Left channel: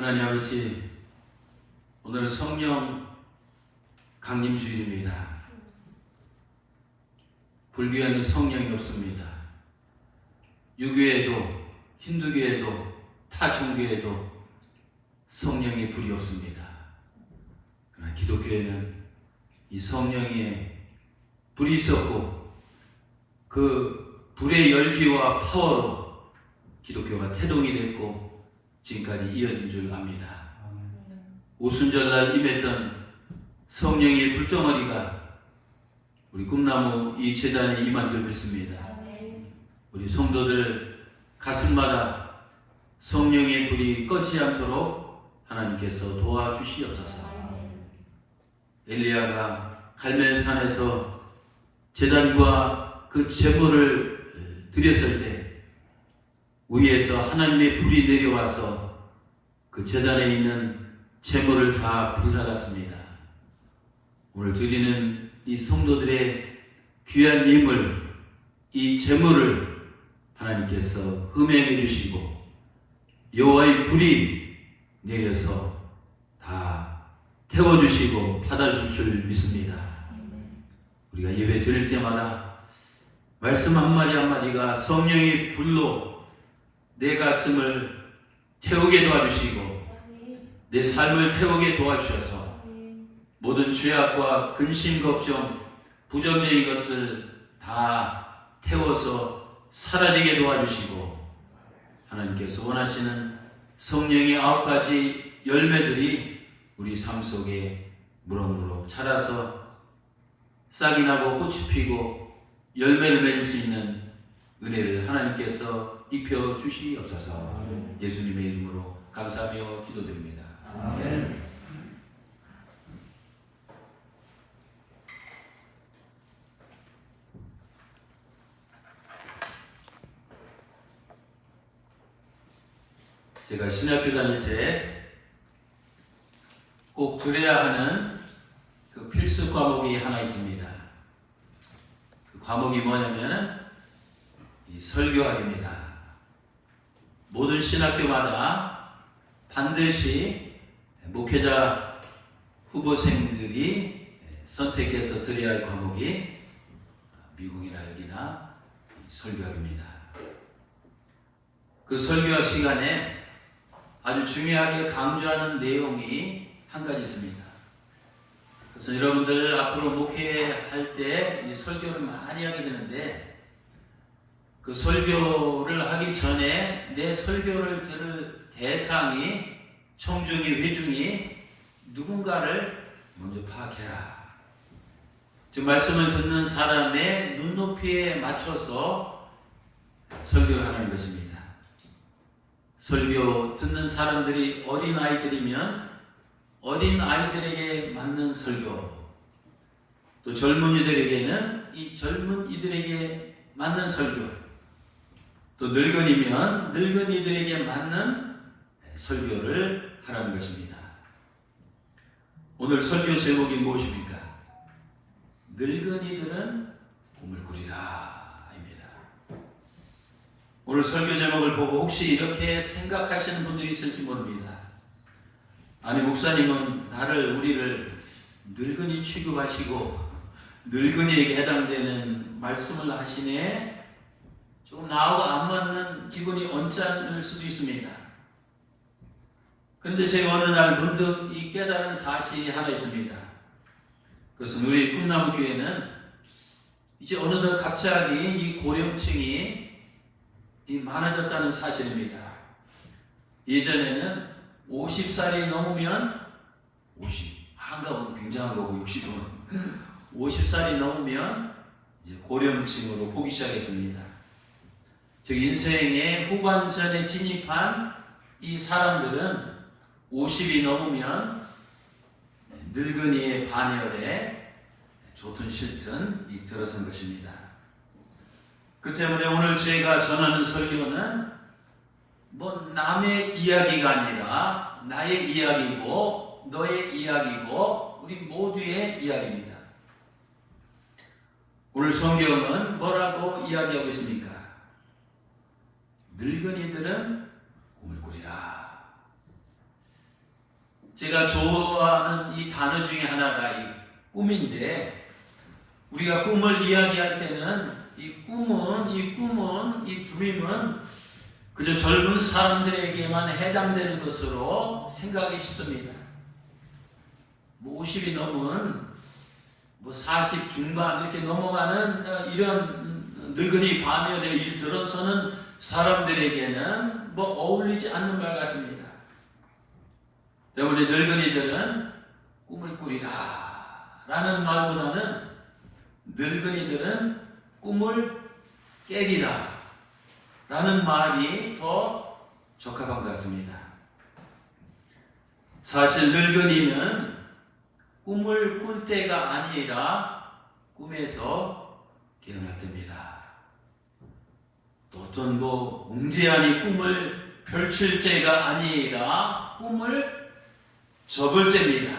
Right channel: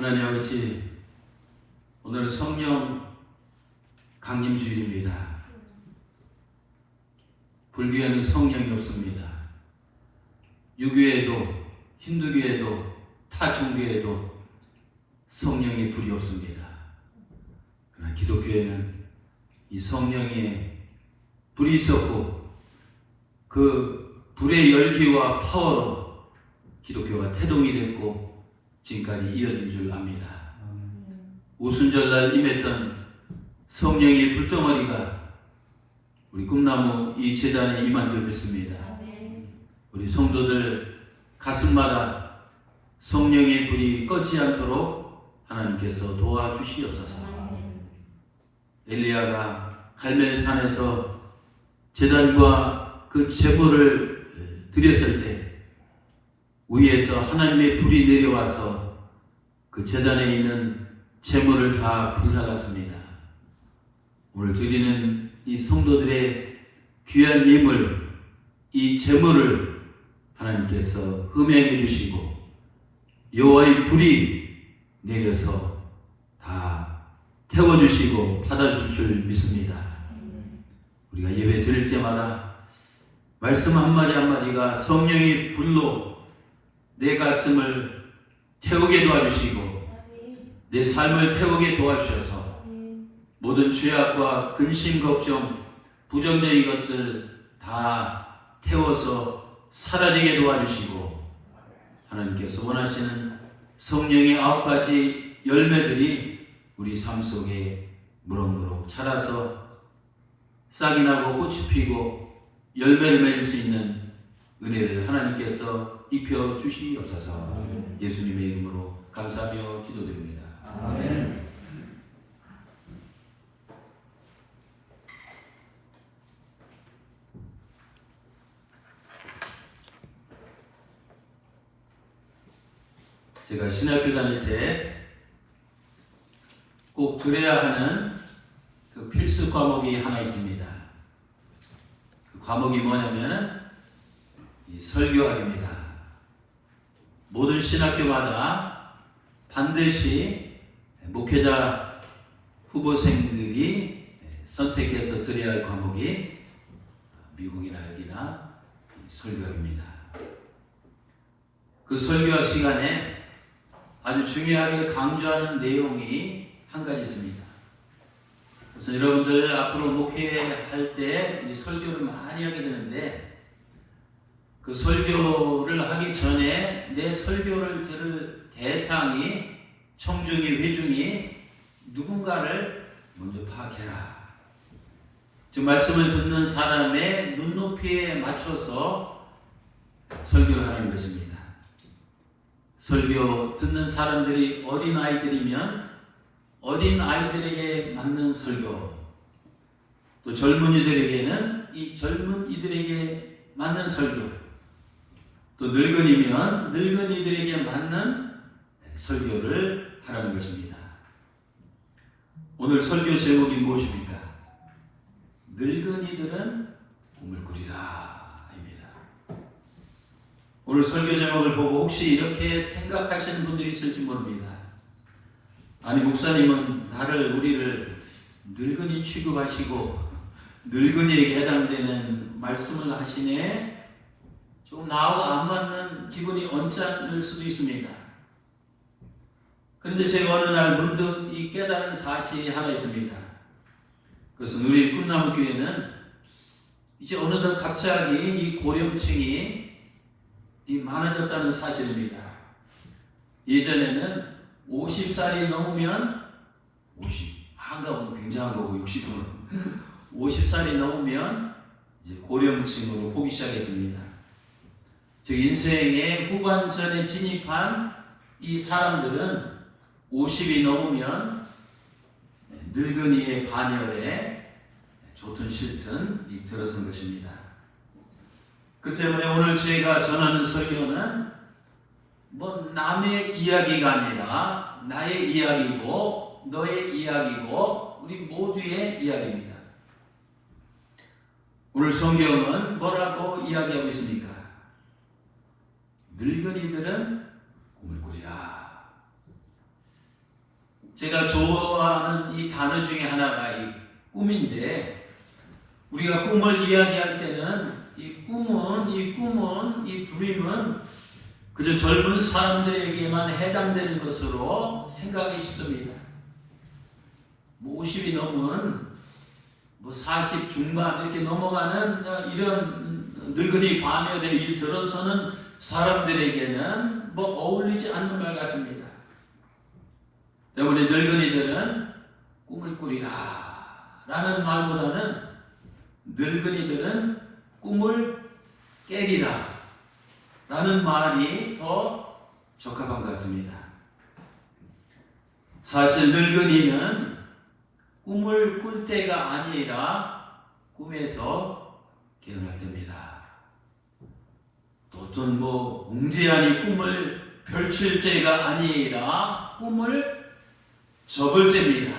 하나님 아버지, 오늘 성령 강림주일입니다. 불교에는 성령이 없습니다. 유교에도 힌두교에도 타 종교에도 성령의 불이 없습니다. 그러나 기독교에는 이 성령의 불이 있었고 그 불의 열기와 파워로 기독교가 태동이 됐고 지금까지 이어진 줄 압니다. 오순절날 임했던 성령의 불덩어리가 우리 꿈나무 이 제단에 임한 줄 믿습니다. 우리 성도들 가슴마다 성령의 불이 꺼지지 않도록 하나님께서 도와주시옵소서. 엘리야가 갈멜산에서 제단과 그 제물을 드렸을 때 위에서 하나님의 불이 내려와서 그 제단에 있는 제물을 다 불살랐습니다. 오늘 드리는 이 성도들의 귀한 예물, 이 제물을 하나님께서 흠양해 주시고 여호와의 불이 내려서 다 태워주시고 받아줄 줄 믿습니다. 우리가 예배 드릴 때마다 말씀 한마디 한마디가 성령의 불로 내 가슴을 태우게 도와주시고 내 삶을 태우게 도와주셔서 모든 죄악과 근심, 걱정, 부정적인 것들 다 태워서 사라지게 도와주시고 하나님께서 원하시는 성령의 9가지 열매들이 우리 삶 속에 무럭무럭 자라서 싹이 나고 꽃이 피고 열매를 맺을 수 있는 은혜를 하나님께서 입혀 주시옵소서. 예수님의 이름으로 감사하며 기도드립니다. 아멘. 제가 신학교 다닐 때 꼭 들어야 하는 그 필수 과목이 하나 있습니다. 그 과목이 뭐냐면 이 설교학입니다. 모든 신학교마다 반드시 목회자 후보생들이 선택해서 들어야 할 과목이 미국이나 여기나 설교학입니다. 그 설교학 시간에 아주 중요하게 강조하는 내용이 한 가지 있습니다. 그래서 여러분들 앞으로 목회할 때 이 설교를 많이 하게 되는데 그 설교를 하기 전에 내 설교를 들을 대상이 청중이 회중이 누군가를 먼저 파악해라. 지금 말씀을 듣는 사람의 눈높이에 맞춰서 설교를 하는 것입니다. 설교 듣는 사람들이 어린 아이들이면 어린 아이들에게 맞는 설교, 또 젊은이들에게는 이 젊은이들에게 맞는 설교, 또 늙은이면 늙은이들에게 맞는 설교를 하라는 것입니다. 오늘 설교 제목이 무엇입니까? 늙은이들은 꿈을 꾸리라 입니다. 오늘 설교 제목을 보고 혹시 이렇게 생각하시는 분들이 있을지 모릅니다. 아니, 목사님은 우리를 늙은이 취급하시고 늙은이에게 해당되는 말씀을 하시네. 조금 나하고 안 맞는 기분이 언짢을 수도 있습니다. 그런데 제가 어느 날 문득 이 깨달은 사실이 하나 있습니다. 그것은 우리 꿈나무 교회는 이제 어느덧 갑자기 이 고령층이 많아졌다는 사실입니다. 예전에는 50살이 넘으면 50, 한가보면 굉장한 거고 60은 50살이 넘으면 이제 고령층으로 보기 시작했습니다. 즉 인생의 후반전에 진입한 이 사람들은 50이 넘으면 늙은이의 반열에 좋든 싫든 들어선 것입니다. 그 때문에 오늘 제가 전하는 설교는 남의 이야기가 아니라 나의 이야기고 너의 이야기고 우리 모두의 이야기입니다. 오늘 성경은 뭐라고 이야기하고 있습니까? 늙은이들은 꿈을 꾸리라. 제가 좋아하는 이 단어 중에 하나가 이 꿈인데, 우리가 꿈을 이야기할 때는 이 드림은 그저 젊은 사람들에게만 해당되는 것으로 생각하기 쉽습니다. 50이 넘은 40 중반 이렇게 넘어가는 이런 늙은이 반열에 들어서는 사람들에게는 어울리지 않는 말 같습니다. 때문에 늙은이들은 꿈을 꾸리라 라는 말보다는 늙은이들은 꿈을 깨리라 라는 말이 더 적합한 것 같습니다. 사실 늙은이는 꿈을 꿀 때가 아니라 꿈에서 깨어날 때입니다. 또 어떤 웅대한 꿈을 펼칠 때가 아니라 꿈을 접을 때입니다.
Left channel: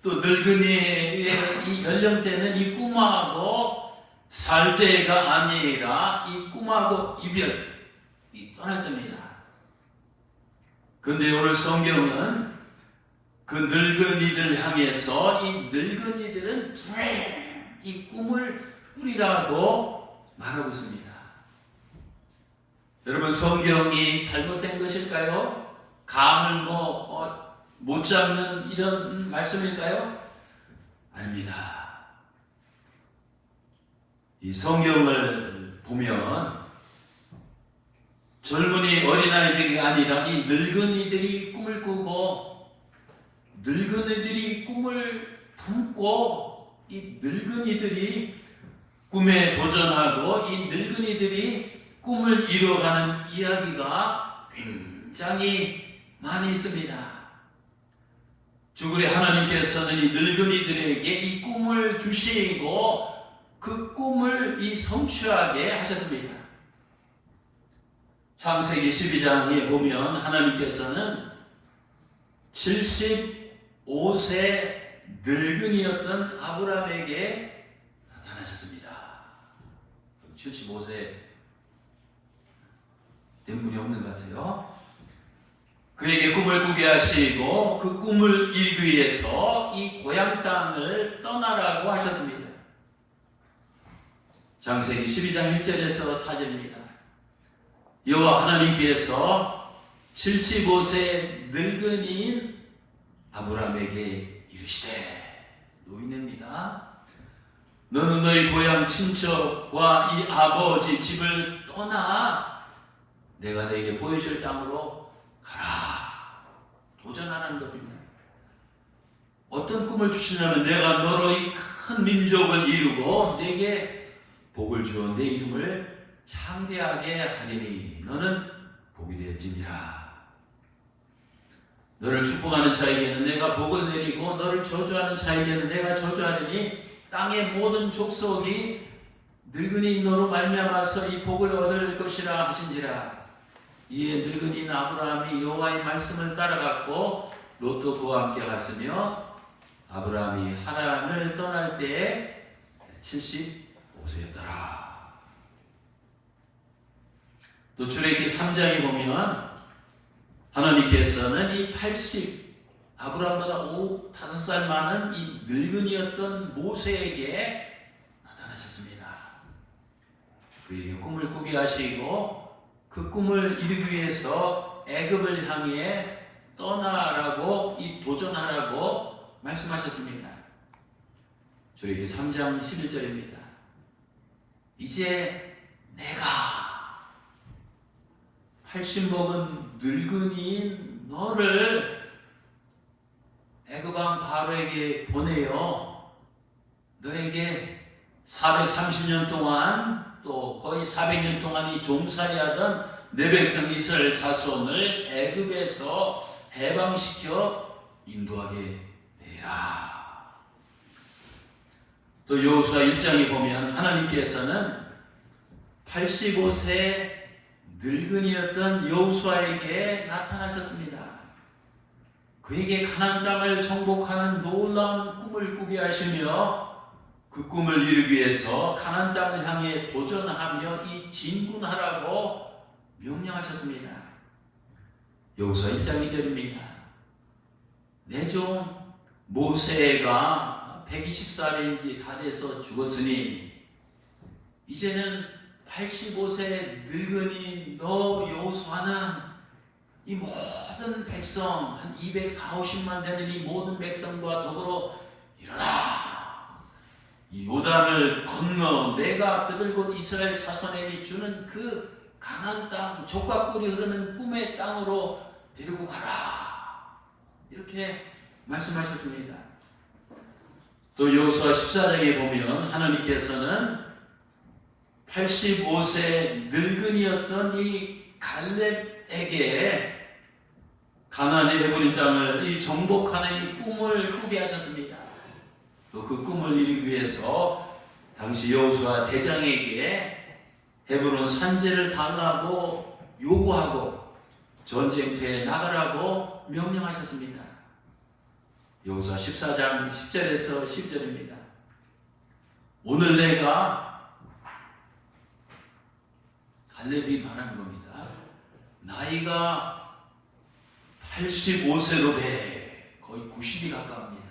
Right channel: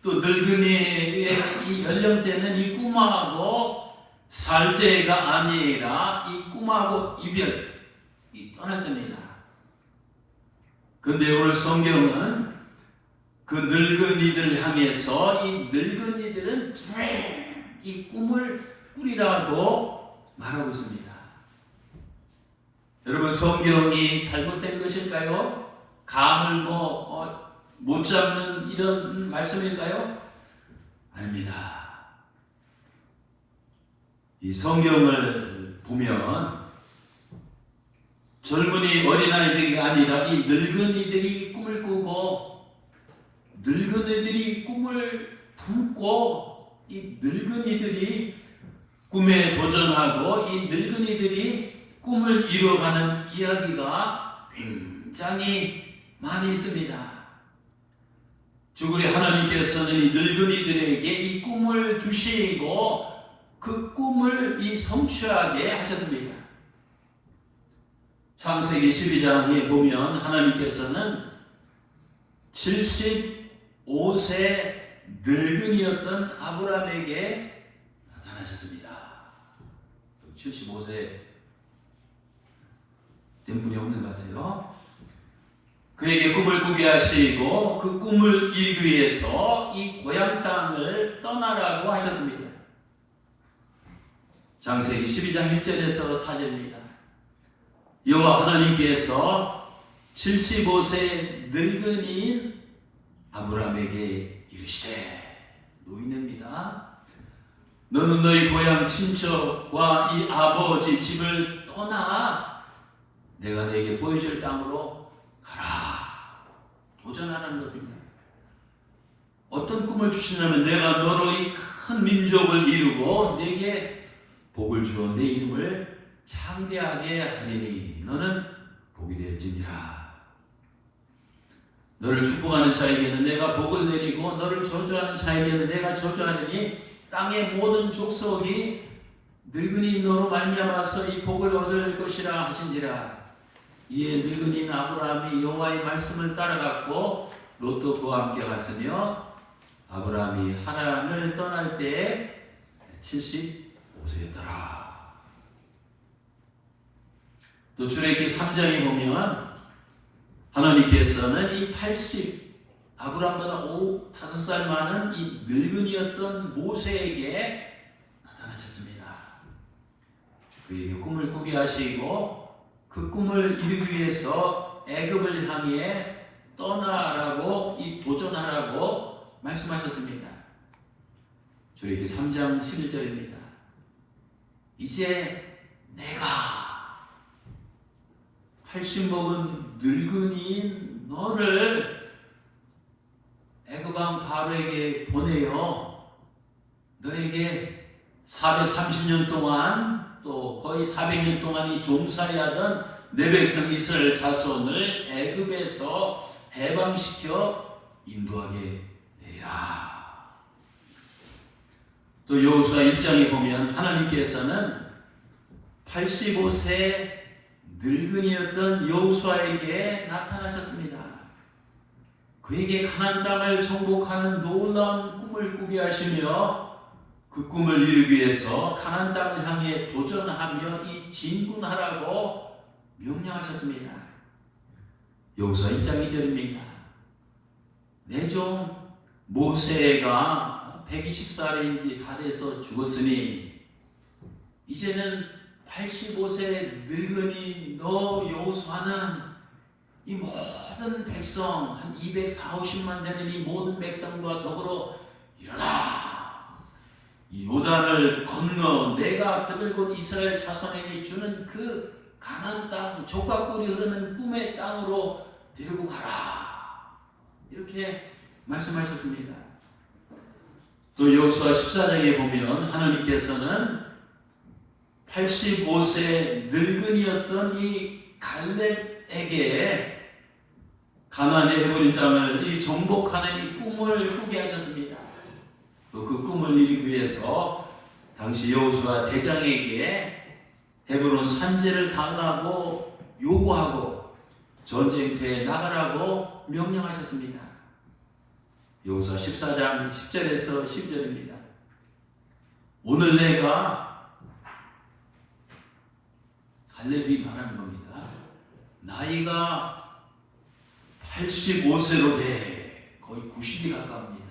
또 늙은이의 이 연령대는 이 꿈하고 살 때가 아니라 이 꿈하고 이별이 떠날 때입니다. 그런데 오늘 성경은 그 늙은이들 향해서 이 늙은이들은 이 꿈을 꾸리라고 말하고 있습니다. 여러분, 성경이 잘못된 것일까요? 감을 못 잡는 이런 말씀일까요? 아닙니다. 이 성경을 보면 젊은이 어린아이들이 아니라 이 늙은이들이 꿈을 꾸고 늙은이들이 꿈을 품고 이 늙은이들이 꿈에 도전하고 이 늙은이들이 꿈을 이뤄가는 이야기가 굉장히 많이 있습니다. 즉 우리 하나님께서는 이 늙은이들에게 이 꿈을 주시고 그 꿈을 이 성취하게 하셨습니다. 창세기 12장에 보면 하나님께서는 75세 늙은이였던 아브라함에게 나타나셨습니다. 75세 된 분이 없는 것 같아요. 그에게 꿈을 꾸게 하시고 그 꿈을 이루기 위해서 이 고향 땅을 떠나라고 하셨습니다. 창세기 12장 1절에서 4절입니다. 여호와 하나님께서 75세 늙은이인 아브라함에게 이르시되, 노인입니다. 너는 너희 고향 친척과 이 아버지 집을 떠나 내가 너에게 보여줄 땅으로 가라. 도전하는 것입니다. 어떤 꿈을 주시냐면 내가 너로 이 큰 민족을 이루고 내게 복을 주어 내 이름을 창대하게 하리니 너는 복이 되었지니라. 너를 축복하는 자에게는 내가 복을 내리고 너를 저주하는 자에게는 내가 저주하리니 땅의 모든 족속이 늙은이 너로 말미암아서 이 복을 얻을 것이라 하신지라. 이에 늙은이인 아브라함이 여호와의 말씀을 따라갔고 롯도 그와 함께 갔으며 아브라함이 하란을 떠날 때에 75세였더라. 또 출애굽기 3장에 보면 하나님께서는 이 아브라함보다 5살 많은 이 늙은이였던 모세에게 나타나셨습니다. 그에게 꿈을 꾸게 하시고 그 꿈을 이루기 위해서 애굽을 향해 떠나라고 도전하라고 말씀하셨습니다. 출애굽기 3장 11절입니다. 이제 내가 80 먹은 늙은이인 너를 애굽왕 바로에게 보내어 너에게 430년 동안 또 거의 400년 동안 이 종살이하던 내 백성 이스라엘 자손을 애굽에서 해방시켜 인도하게 되리라. 또 여호수아 1장에 보면 하나님께서는 85세 늙은이였던 여호수아에게 나타나셨습니다. 그에게 가나안 땅을 정복하는 놀라운 꿈을 꾸게 하시며 그 꿈을 이루기 위해서 가나안 땅을 향해 도전하며 이 진군하라고 명령하셨습니다. 여호수아 1장 2절입니다. 내 종 모세가 120살인지 다 돼서 죽었으니 이제는 85세 늙은이 너 여호수아는 이 모든 백성 한 240~50만 되는 이 모든 백성과 더불어 일어나 이 요단을 건너 내가 그들 곧 이스라엘 자손에게 주는 그 가나안 땅 젖과 꿀이 흐르는 꿈의 땅으로 데리고 가라 이렇게 말씀하셨습니다. 또 여호수아 14장에 보면 하나님께서는 85세 늙은이였던 이 갈렙에게 가나안의 헤브론 땅을 이 정복하는 이 꿈을 꾸게 하셨습니다. 또 그 꿈을 이루기 위해서 당시 여호수아 대장에게 헤브론 산지를 달라고 요구하고 전쟁터에 나가라고 명령하셨습니다. 여호수아 14장 10절에서 10절입니다. 오늘 내가 갈렙이 말하는 겁니다. 나이가 85세로 돼 거의 90이 가까웁니다.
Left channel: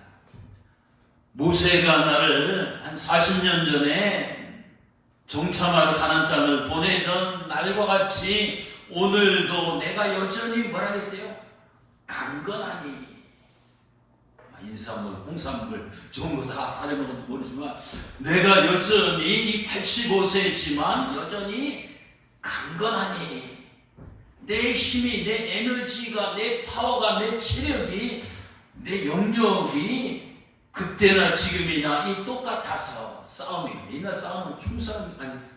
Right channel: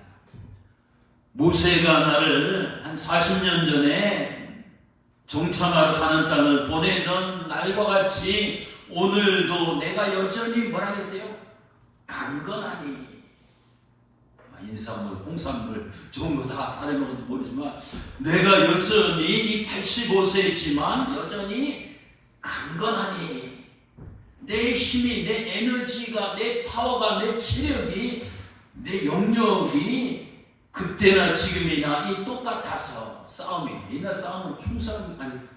모세가 나를 한 40년 전에 정탐하러 가는 땅을 보내던 날과 같이 오늘도 내가 여전히 뭐라 했어요? 강건하니 인삼물, 홍삼물 좋은 거 다 다른 것도 모르지만 내가 여전히 이 85세이지만 여전히 강건하니 내 힘이, 내 에너지가, 내 파워가, 내 체력이, 내 영역이 그때나 지금이나 이 똑같아서 싸움이 이날 싸움은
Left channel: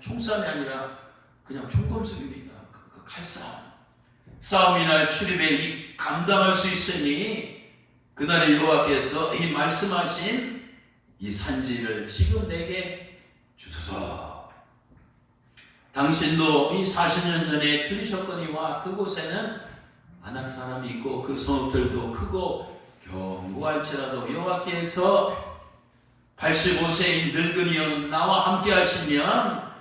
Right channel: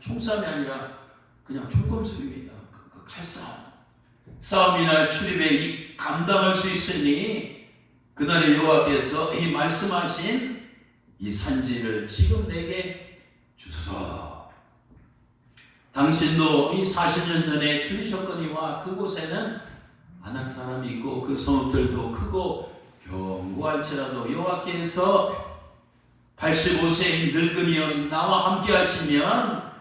총싸움이 아니라 그냥 총검술입니다. 그 칼싸움 싸움이나 출입에 이 감당할 수 있으니 그날의 여호와께서 이 말씀하신 이 산지를 지금 내게 주소서. 당신도 이 40년 전에 들으셨거니와 그곳에는 아낙 사람이 있고 그 성읍들도 크고 견고할지라도 여호와께서 85세인 늙은이여 나와 함께 하시면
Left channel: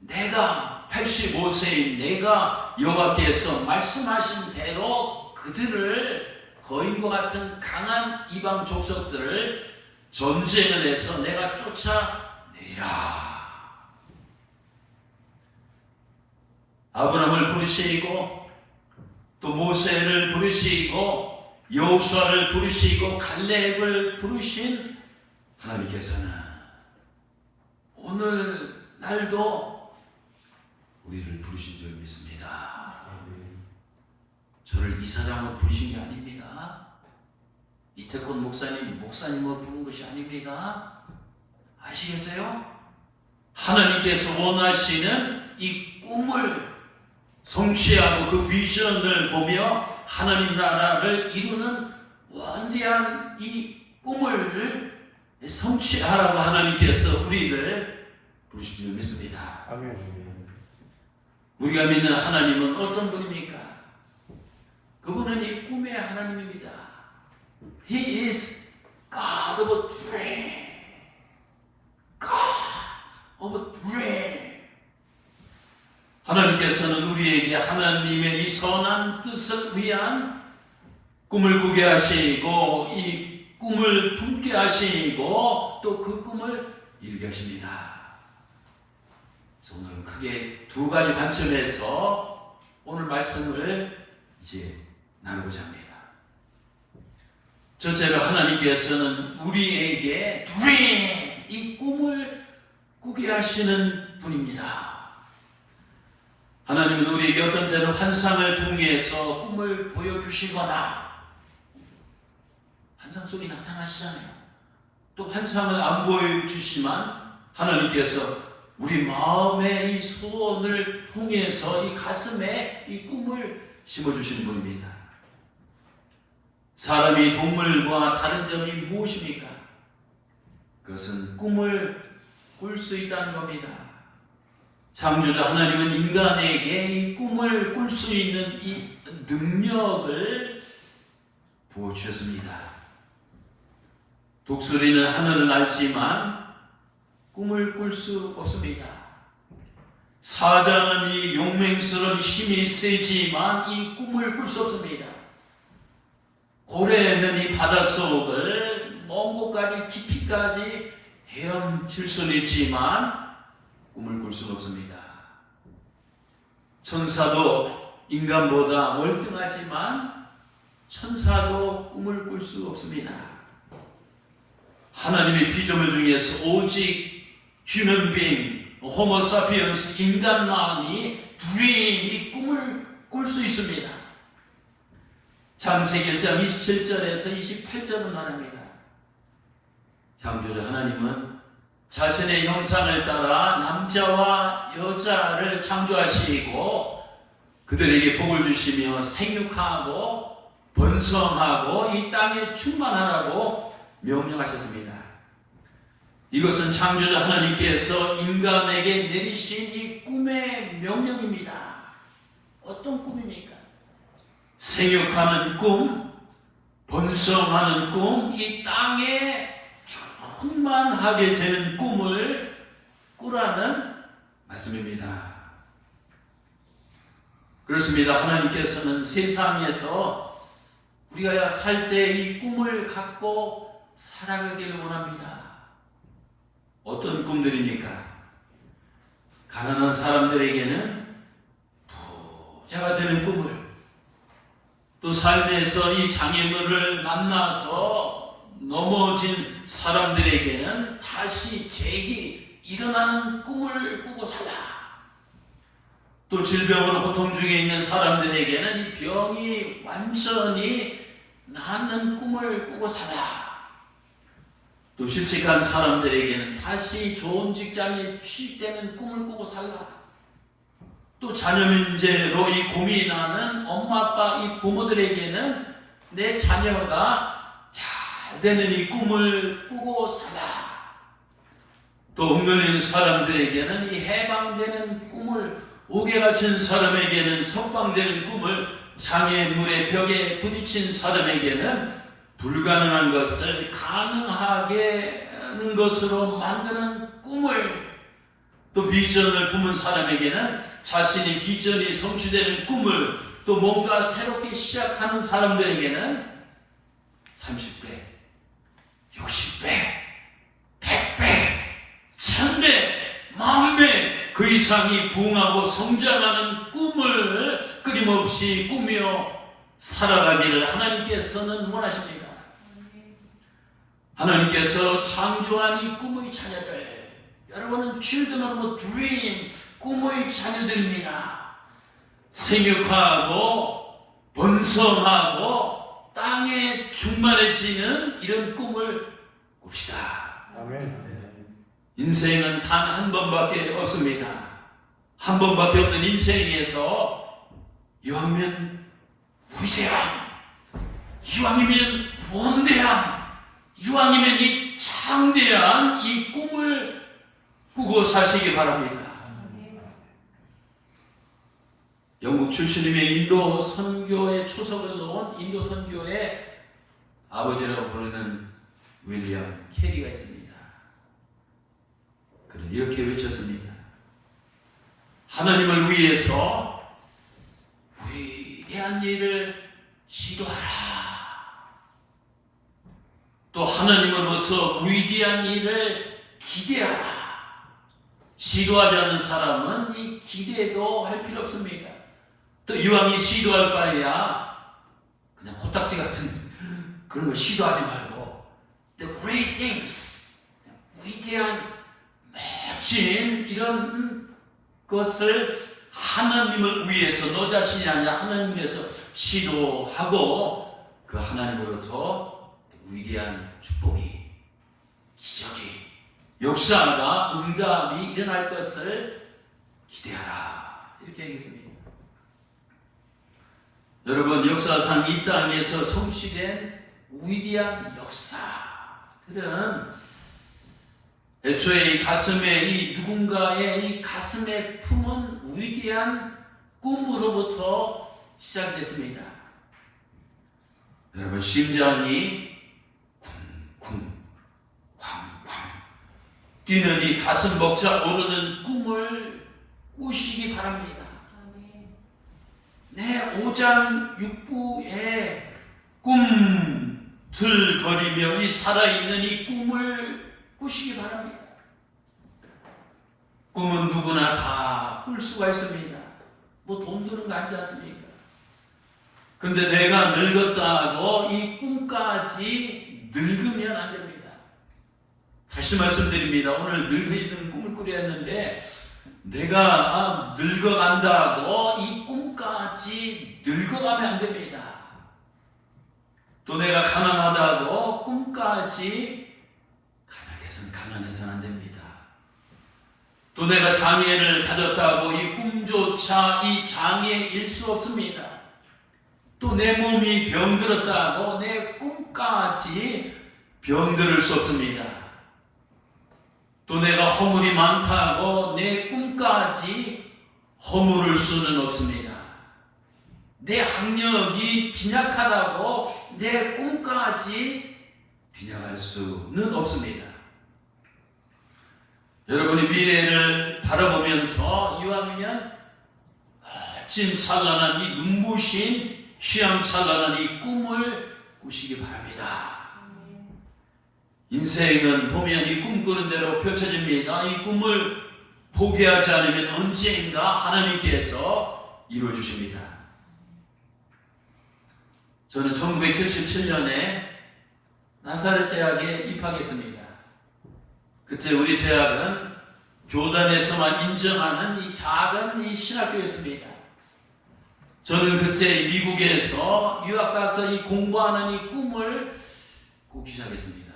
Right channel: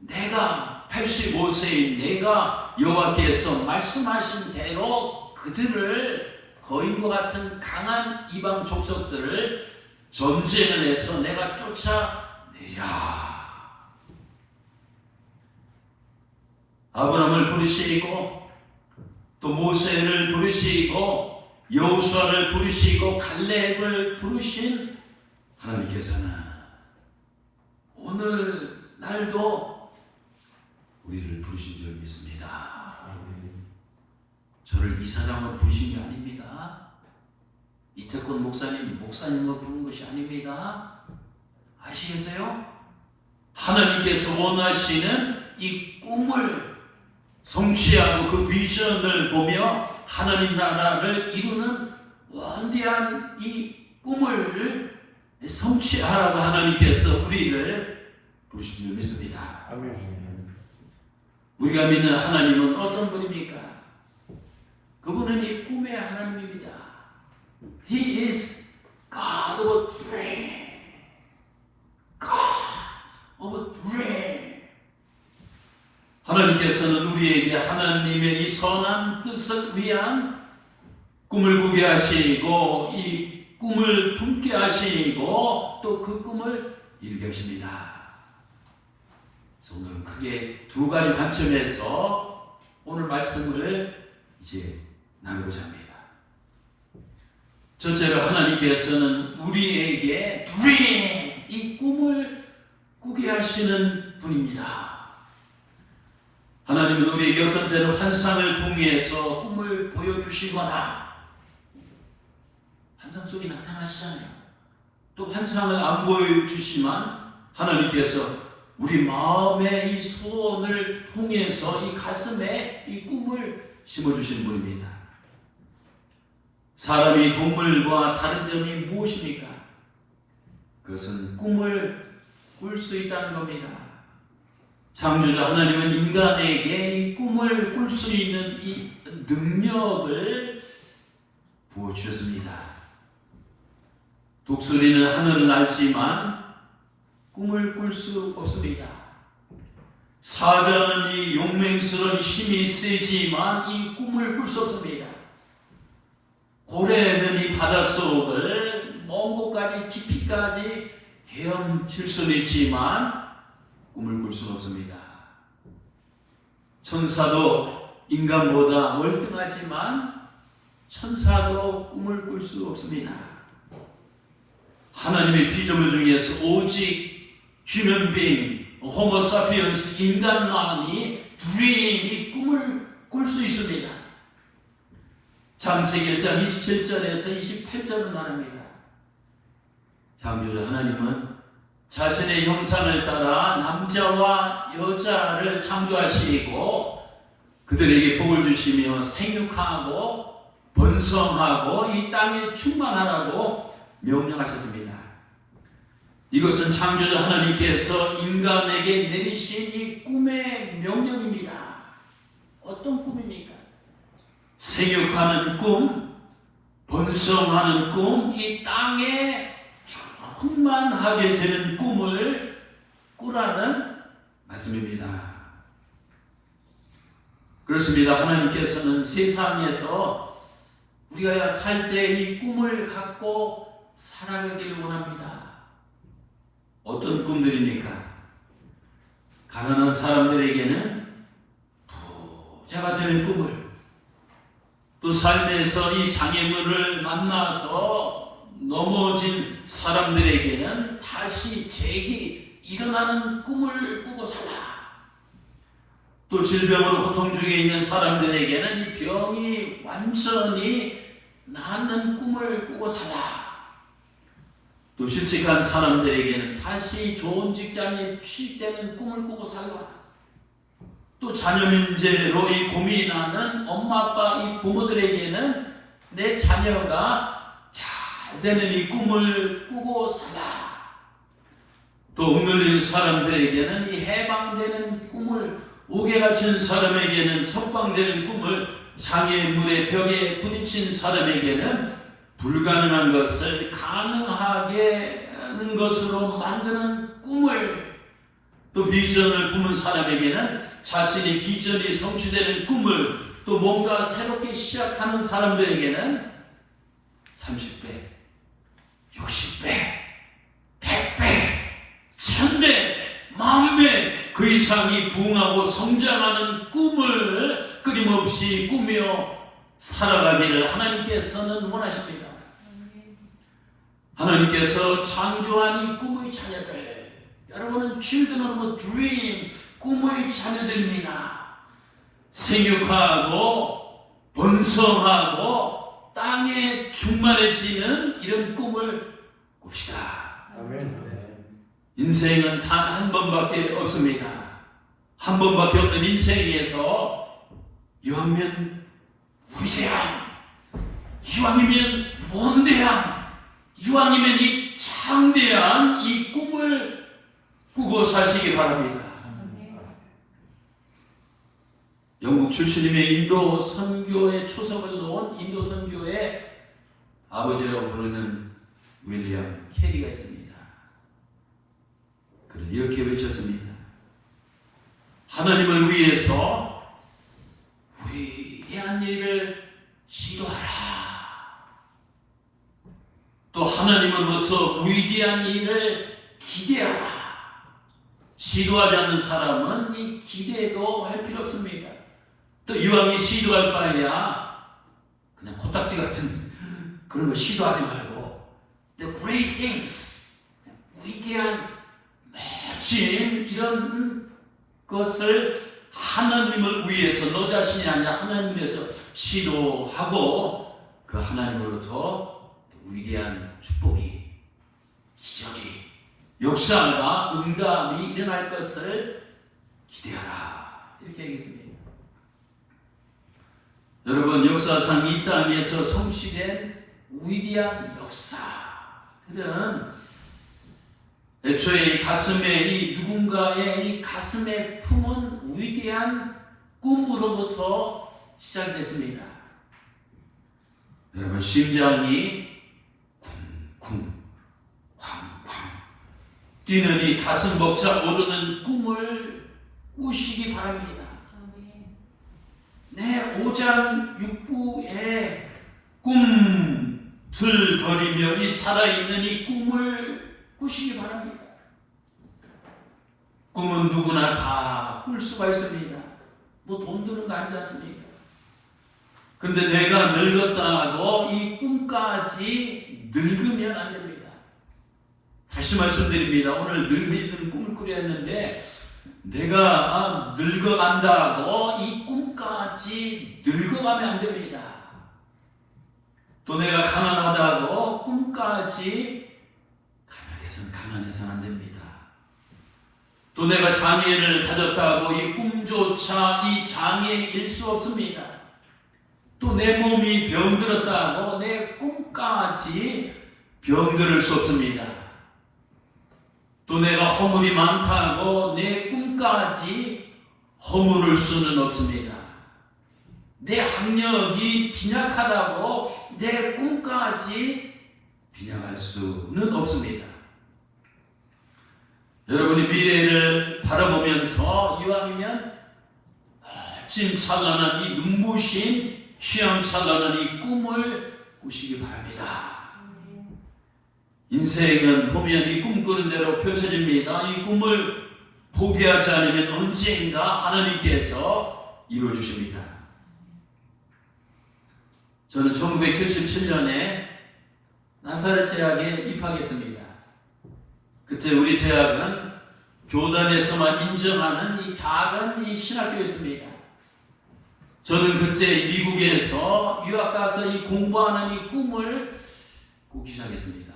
내가 85세인 내가 여호와께서 말씀하신 대로 그들을 거인과 같은 강한 이방 족속들을 전쟁을 해서 내가 쫓아내리라. 아브라함을 부르시고 또 모세를 부르시고 여호수아를 부르시고 갈렙을 부르신 하나님께서는 오늘 날도 우리를 부르신 줄 믿습니다. 저를 이사장으로 부르신 게 아닙니다. 이태권 목사님으로 부른 것이 아닙니다. 아시겠어요? 하나님께서 원하시는 이 꿈을 성취하고 그 비전을 보며 하나님 나라를 이루는 원대한 이 꿈을 성취하라고 하나님께서 우리를 부르신 줄 믿습니다. 아멘. 우리가 믿는 하나님은 어떤 분입니까? 그분은 이 꿈의 하나님입니다. He is God of a dream. God of a dream. 하나님께서는 우리에게 하나님의 이 선한 뜻을 위한 꿈을 꾸게 하시고 이 꿈을 품게 하시고 또 그 꿈을 이루게 하십니다. 그래서 오늘은 크게 두 가지 관점에서 오늘 말씀을 이제 나누고자 합니다. 첫째로 하나님께서는 우리에게 dream, 이 꿈을 꾸게 하시는 분입니다. 하나님은 우리에게 어떤 때는 환상을 통해서 꿈을 보여주시거나 환상 속에 나타나시잖아요. 또 환상을 안 보여주시지만 하나님께서 우리 마음의 이 소원을 통해서 이 가슴에 이 꿈을 심어주시는 분입니다. 사람이 동물과 다른 점이 무엇입니까? 그것은 꿈을 꿀 수 있다는 겁니다. 창조자 하나님은 인간에게 이 꿈을 꿀 수 있는 이 능력을 부어주셨습니다. 독수리는 하늘을 날지만 꿈을 꿀 수 없습니다. 사자는 이 용맹스러운 힘이 세지만 이 꿈을 꿀 수 없습니다. 고래는 이 바닷속을 먼 곳까지 깊이까지 헤엄칠 수는 있지만 꿈을 꿀 수는 없습니다. 천사도 인간보다 월등하지만 천사도 꿈을 꿀 수 없습니다. 하나님의 피조물 중에서 오직 human being, 호모 사피엔스 인간만이 이 꿈을 꿀 수 있습니다. 창세기 1장 27절에서 28절은 말합니다. 창조주 하나님은 자신의 형상을 따라 남자와 여자를 창조하시고 그들에게 복을 주시며 생육하고 번성하고 이 땅에 충만하라고 명령하셨습니다. 이것은 창조주 하나님께서 인간에게 내리신 이 꿈의 명령입니다. 어떤 꿈입니까? 생육하는 꿈, 번성하는 꿈, 이 땅에 충만하게 되는 꿈을 꾸라는 말씀입니다. 그렇습니다. 하나님께서는 세상에서 우리가 살 때 이 꿈을 갖고 살아가기를 원합니다. 어떤 꿈들입니까? 가난한 사람들에게는 부자가 되는 꿈을, 또 삶에서 이 장애물을 만나서 넘어진 사람들에게는 다시 일어나는 꿈을 꾸고 살라. 또 질병으로 고통 중에 있는 사람들에게는 이 병이 완전히 낫는 꿈을 꾸고 살라. 또 실직한 사람들에게는 다시 좋은 직장에 취직되는 꿈을 꾸고 살라. 또 자녀 문제로 이 고민하는 엄마 아빠 이 부모들에게는 내 자녀가 잘 되는 이 꿈을 꾸고 살라. 또 억눌린 사람들에게는 이 해방되는 꿈을, 옥에 갇힌 사람에게는 석방되는 꿈을, 장애물의 벽에 부딪힌 사람에게는 불가능한 것을 가능하게 하는 것으로 만드는 꿈을, 또 비전을 품은 사람에게는 자신의 비전이 성취되는 꿈을, 또 뭔가 새롭게 시작하는 사람들에게는 30배, 60배, 100배, 1000배, 10,000배 그 이상이 부흥하고 성장하는 꿈을 끊임없이 꾸며 살아가기를 하나님께서는 원하십니다. 하나님께서 창조한 이 꿈의 자녀들, 여러분은 children of dream, 꿈의 자녀들입니다. 생육하고 번성하고 땅에 충만해지는 이런 꿈을 꿉시다. 아멘. 인생은 단 한 번밖에 없습니다. 한 번밖에 없는 인생에서 이왕이면 위대한, 이왕이면 원대한, 이왕이면 이 창대한 이 꿈을 꾸고 사시기 바랍니다. 영국 출신임의 인도 선교의 초석을 놓은 인도 선교의 아버지라고 부르는 윌리엄 캐리가 있습니다. 그는 이렇게 외쳤습니다. 하나님을 위해서 위대한 일을 시도하라. 또 하나님으로부터 위대한 일을 기대하라. 시도하지 않는 사람은 이 기대도 할 필요 없습니다. 또 이왕이 시도할 바에야 그냥 코딱지 같은 그런 거 시도하지 말고 The great things, 위대한 멋진 이런 것을 하나님을 위해서, 너 자신이 아니라 하나님을 위해서 시도하고 그 하나님으로부터 위대한 축복이, 기적이, 역사가, 응답이 일어날 것을 기대하라. 이렇게 얘기했습니다. 여러분, 역사상 이 땅에서 성취된 위대한 역사들은 애초에 이 가슴에, 이 누군가의 이 가슴에 품은 위대한 꿈으로부터 시작됐습니다. 여러분, 심장이 쿵쿵 쾅쾅 뛰는 이 가슴 벅차 오르는 꿈을 꾸시기 바랍니다. 내 오장 육부의 꿈 들거리며 이 살아있는 이 꿈을 꾸시기 바랍니다. 꿈은 누구나 다 꿀 수가 있습니다. 뭐 돈 드는 거 아니지 않습니까? 근데 내가 늙었다고 이 꿈까지 늙으면 안 됩니다. 다시 말씀드립니다. 오늘 늙어있는 꿈을 꾸려 했는데 내가 늙어간다고 이 꿈까지 늙어가면 안 됩니다. 또 내가 가난하다고 꿈까지 가난해서는 안 됩니다. 또 내가 장애를 가졌다고 이 꿈조차 이 장애일 수 없습니다. 또 내 몸이 병들었다고 내 꿈까지 병들을 수 없습니다. 또 내가 허물이 많다고 내 꿈까지 허물을 수는 없습니다. 내 학력이 빈약하다고 내 꿈까지 빈약할 수는 없습니다. 여러분이 미래를 바라보면서 이왕이면 멋진 찬란한 이 눈부신 휘황찬란한 이 꿈을 꾸시기 바랍니다. 인생은 보면 이 꿈꾸는 대로 펼쳐집니다. 이 꿈을 포기하지 않으면 언젠가 하나님께서 이루어주십니다. 저는 1977년에 나사렛 대학에 입학했습니다. 그때 우리 대학은 교단에서만 인정하는 이 작은 이 신학교였습니다. 저는 그때 미국에서 유학 가서 이 공부하는 이 꿈을 꾸기 시작했습니다.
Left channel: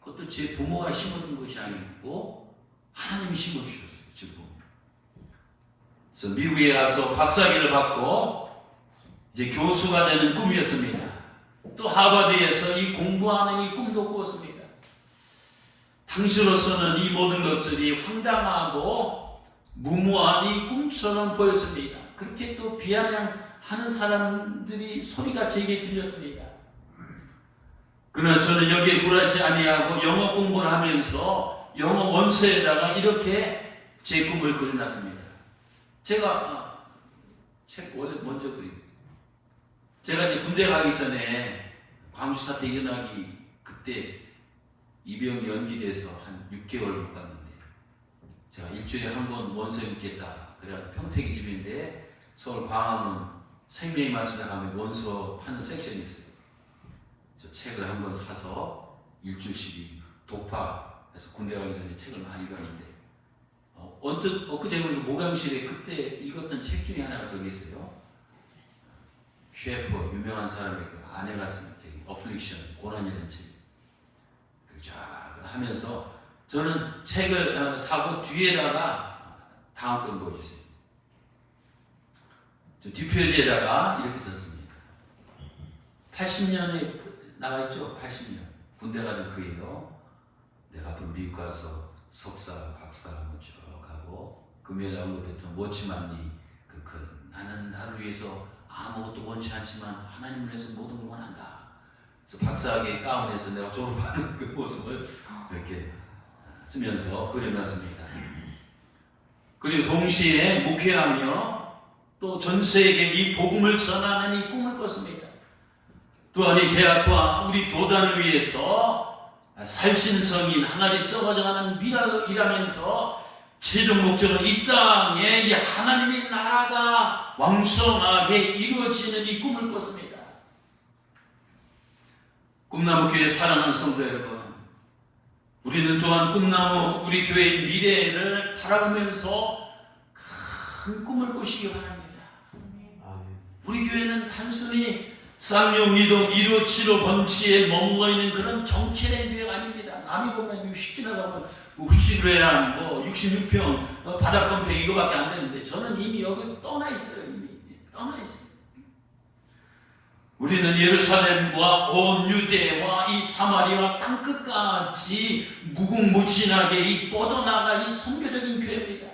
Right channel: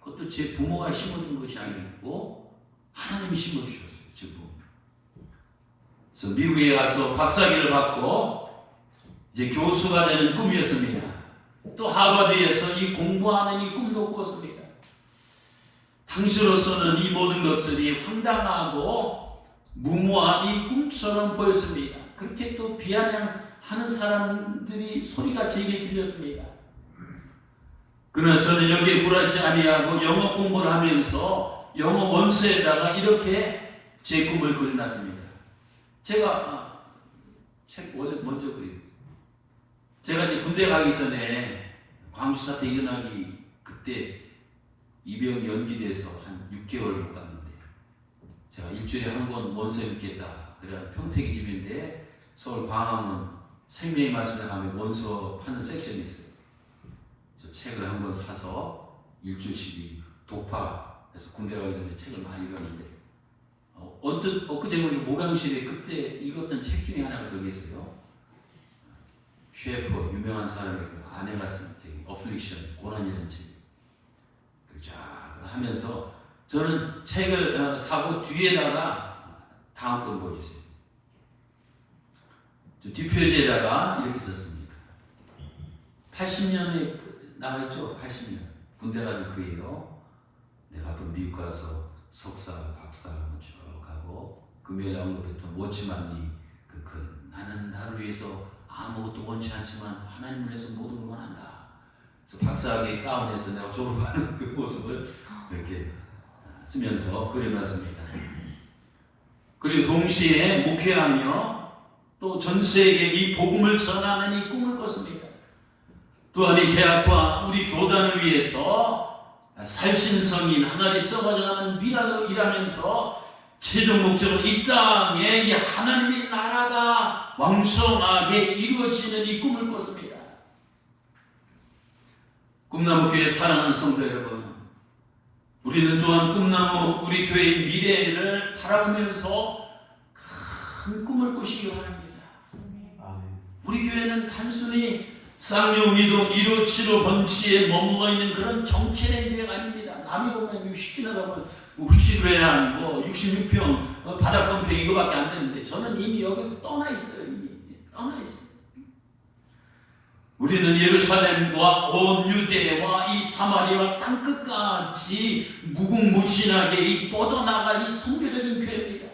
그것도 제 부모가 심어준 것이 아니고 하나님이 심어주셨어요. 그래서 미국에 가서 박사학위를 받고 이제 교수가 되는 꿈이었습니다. 또 하버드에서 이 공부하는 이 꿈도 꾸었습니다. 당시로서는 이 모든 것들이 황당하고 무모한 이 꿈처럼 보였습니다. 그렇게 또 비아냥하는 사람들이 소리가 제게 들렸습니다. 그러나 저는 여기에 굴하지 아니하고 영어 공부를 하면서 영어 원서에다가 이렇게 제 꿈을 그려놨습니다. 제가 책 먼저 그리고 제가 이제 군대 가기 전에 광주 사태 일어나기 그때 입영 연기돼서 한 6개월 못 갔는데 제가 일주일에 한 번 원서 읽겠다. 그래 평택이 집인데 서울 광화문 생명의 말씀에 가면 원서 파는 섹션이 있어요. 저 책을 한 번 사서 일주일씩 독파해서 군대 가기 전에 책을 많이 읽었는데 언뜻 엊그제 모강실에 그때 읽었던 책 중에 하나가 저기 있어요. 셰퍼 유명한 사람의 그 아내가 쓴 책 어플릭션 고난이라는 책. 쫙 하면서 저는 책을 사고 뒤에다가 다음 건 보여주세요. 뒷표지에다가 이렇게 썼습니다. 80년에 나와있죠? 80년. 군대 가는 그예요. 내가 앞으로 미국 가서 석사, 박사 쭉 하고 금요일에 언급했던 워치만니 나는 나를 위해서 아무것도 원치 않지만 하나님을 위해서 모든 걸 원한다. 그래서 박사학위 가운에서 내가 졸업하는 그 모습을 이렇게 쓰면서 그려놨습니다. 그리고 동시에 목회하며 또 전 세계에 이 복음을 전하는 이 꿈을 꿨습니다. 또한 이 대학과 우리 교단을 위해서 살신성인 하나님 써가져가는 미라로 일하면서 최종 목적은 이 땅에 이 하나님의 나라가 왕성하게 이루어지는 이 꿈을 꿨습니다. 꿈나무교회 사랑하는 성도 여러분, 우리는 또한 꿈나무 우리 교회의 미래를 바라보면서 큰 꿈을 꾸시기 바랍니다. 우리 교회는 단순히 쌍용이동 157호 번치에 머물러있는 그런 정체된 교회가 아닙니다. 남이 보면 60기 나가면 60회랑 66평 바닥건평 이거밖에 안 되는데 저는 이미 여기 떠나 있어요. 이미 떠나 있어요. 우리는 예루살렘과 온 유대와 이 사마리아와 땅끝까지 무궁무진하게 이 뻗어나가 이 선교적인 교회입니다.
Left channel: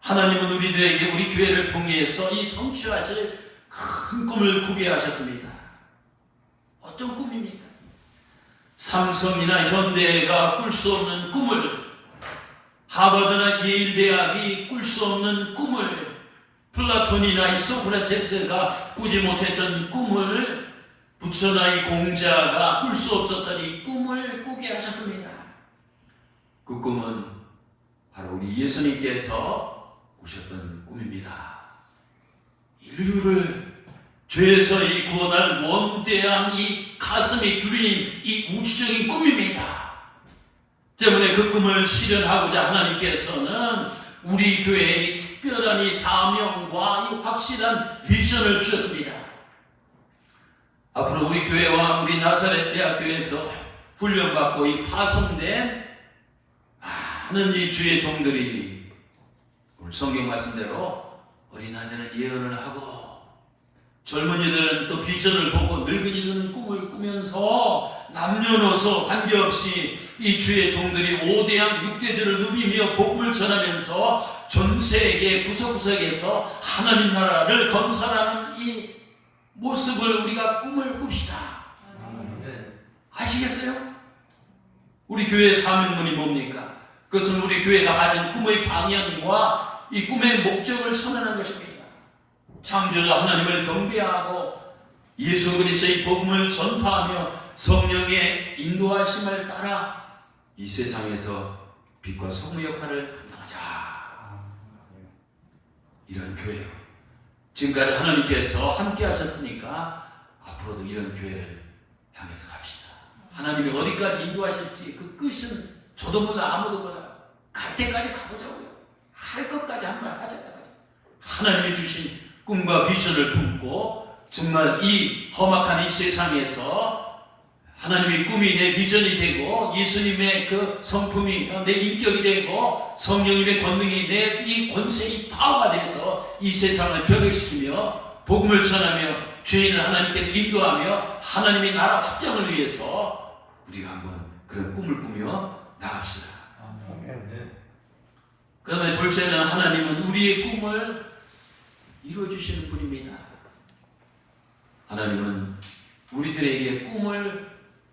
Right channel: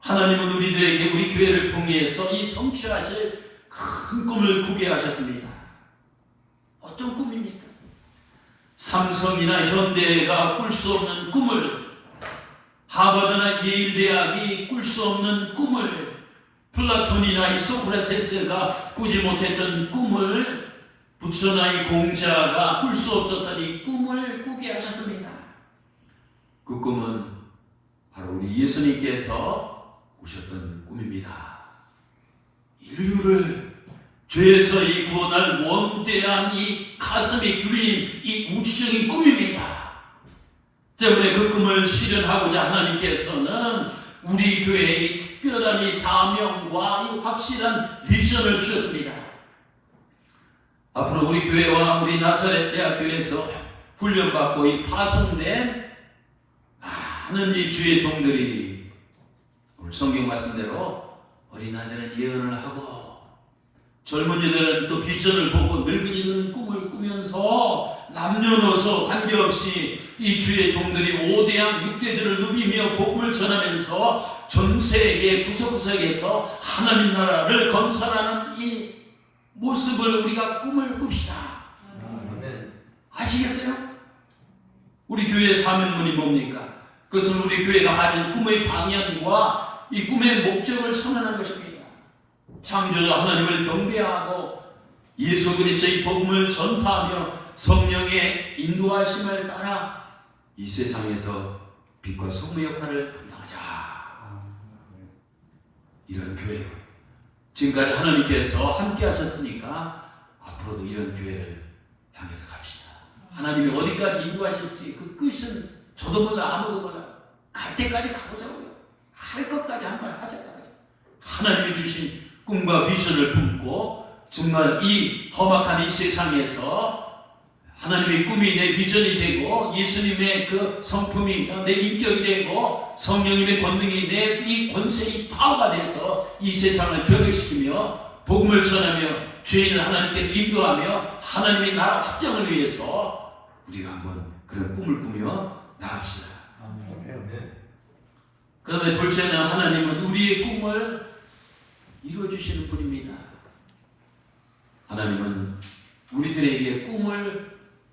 하나님은 우리들에게 우리 교회를 통해서 이 성취하실 큰 꿈을 꾸게 하셨습니다. 어떤 꿈입니까? 삼성이나 현대가 꿀 수 없는 꿈을, 하버드나 예일대학이 꿀 수 없는 꿈을, 플라톤이나 이 소크라테스가 꾸지 못했던 꿈을 부처나 이 공자가 꿀 수 없었던 이 꿈을 꾸게 하셨습니다. 그 꿈은 바로 우리 예수님께서 꾸셨던 꿈입니다. 인류를 죄에서 이 구원할 원대한 이 가슴이 두린 이 우주적인 꿈입니다. 때문에 그 꿈을 실현하고자 하나님께서는 우리 교회에 이 특별한 이 사명과 이 확실한 비전을 주셨습니다. 앞으로 우리 교회와 우리 나사렛 대학교에서 훈련받고 이 파송된 많은 이 주의 종들이 오늘 성경 말씀대로 어린아이들은 예언을 하고 젊은이들은 또 비전을 보고 늙은이들은 꿈을 꾸면서 남녀노소 관계없이 이 주의 종들이 오대양 육대주를 누비며 복음을 전하면서 전 세계 구석구석에서 하나님 나라를 건설하는 이 모습을 우리가 꿈을 꿉시다. 아시겠어요? 우리 교회의 사명문이 뭡니까? 그것은 우리 교회가 가진 꿈의 방향과 이 꿈의 목적을 선언한 것입니다. 창조자 하나님을 경배하고 예수 그리스도의 복음을 전파하며 성령의 인도하심을 따라 이 세상에서 빛과 소금 역할을 감당하자. 이런 교회요. 지금까지 하나님께서 함께 하셨으니까 앞으로도 이런 교회를 향해서 갑시다. 하나님이 어디까지 인도하실지 그 끝은 저도 몰라 아무도 몰라. 갈 때까지 가보자고요. 할 것까지 한 말 하자고요. 하나님이 주신 꿈과 비전을 품고 정말 이 험악한 이 세상에서 하나님의 꿈이 내 비전이 되고 예수님의 그 성품이 내 인격이 되고 성령님의 권능이 내 이 권세의 파워가 돼서 이 세상을 변혁시키며 복음을 전하며 죄인을 하나님께 인도하며 하나님의 나라 확장을 위해서 우리가 한번 그런 꿈을 꾸며 나갑시다. 그 다음에 둘째는 하나님은 우리의 꿈을 이루어주시는 분입니다. 하나님은 우리들에게 꿈을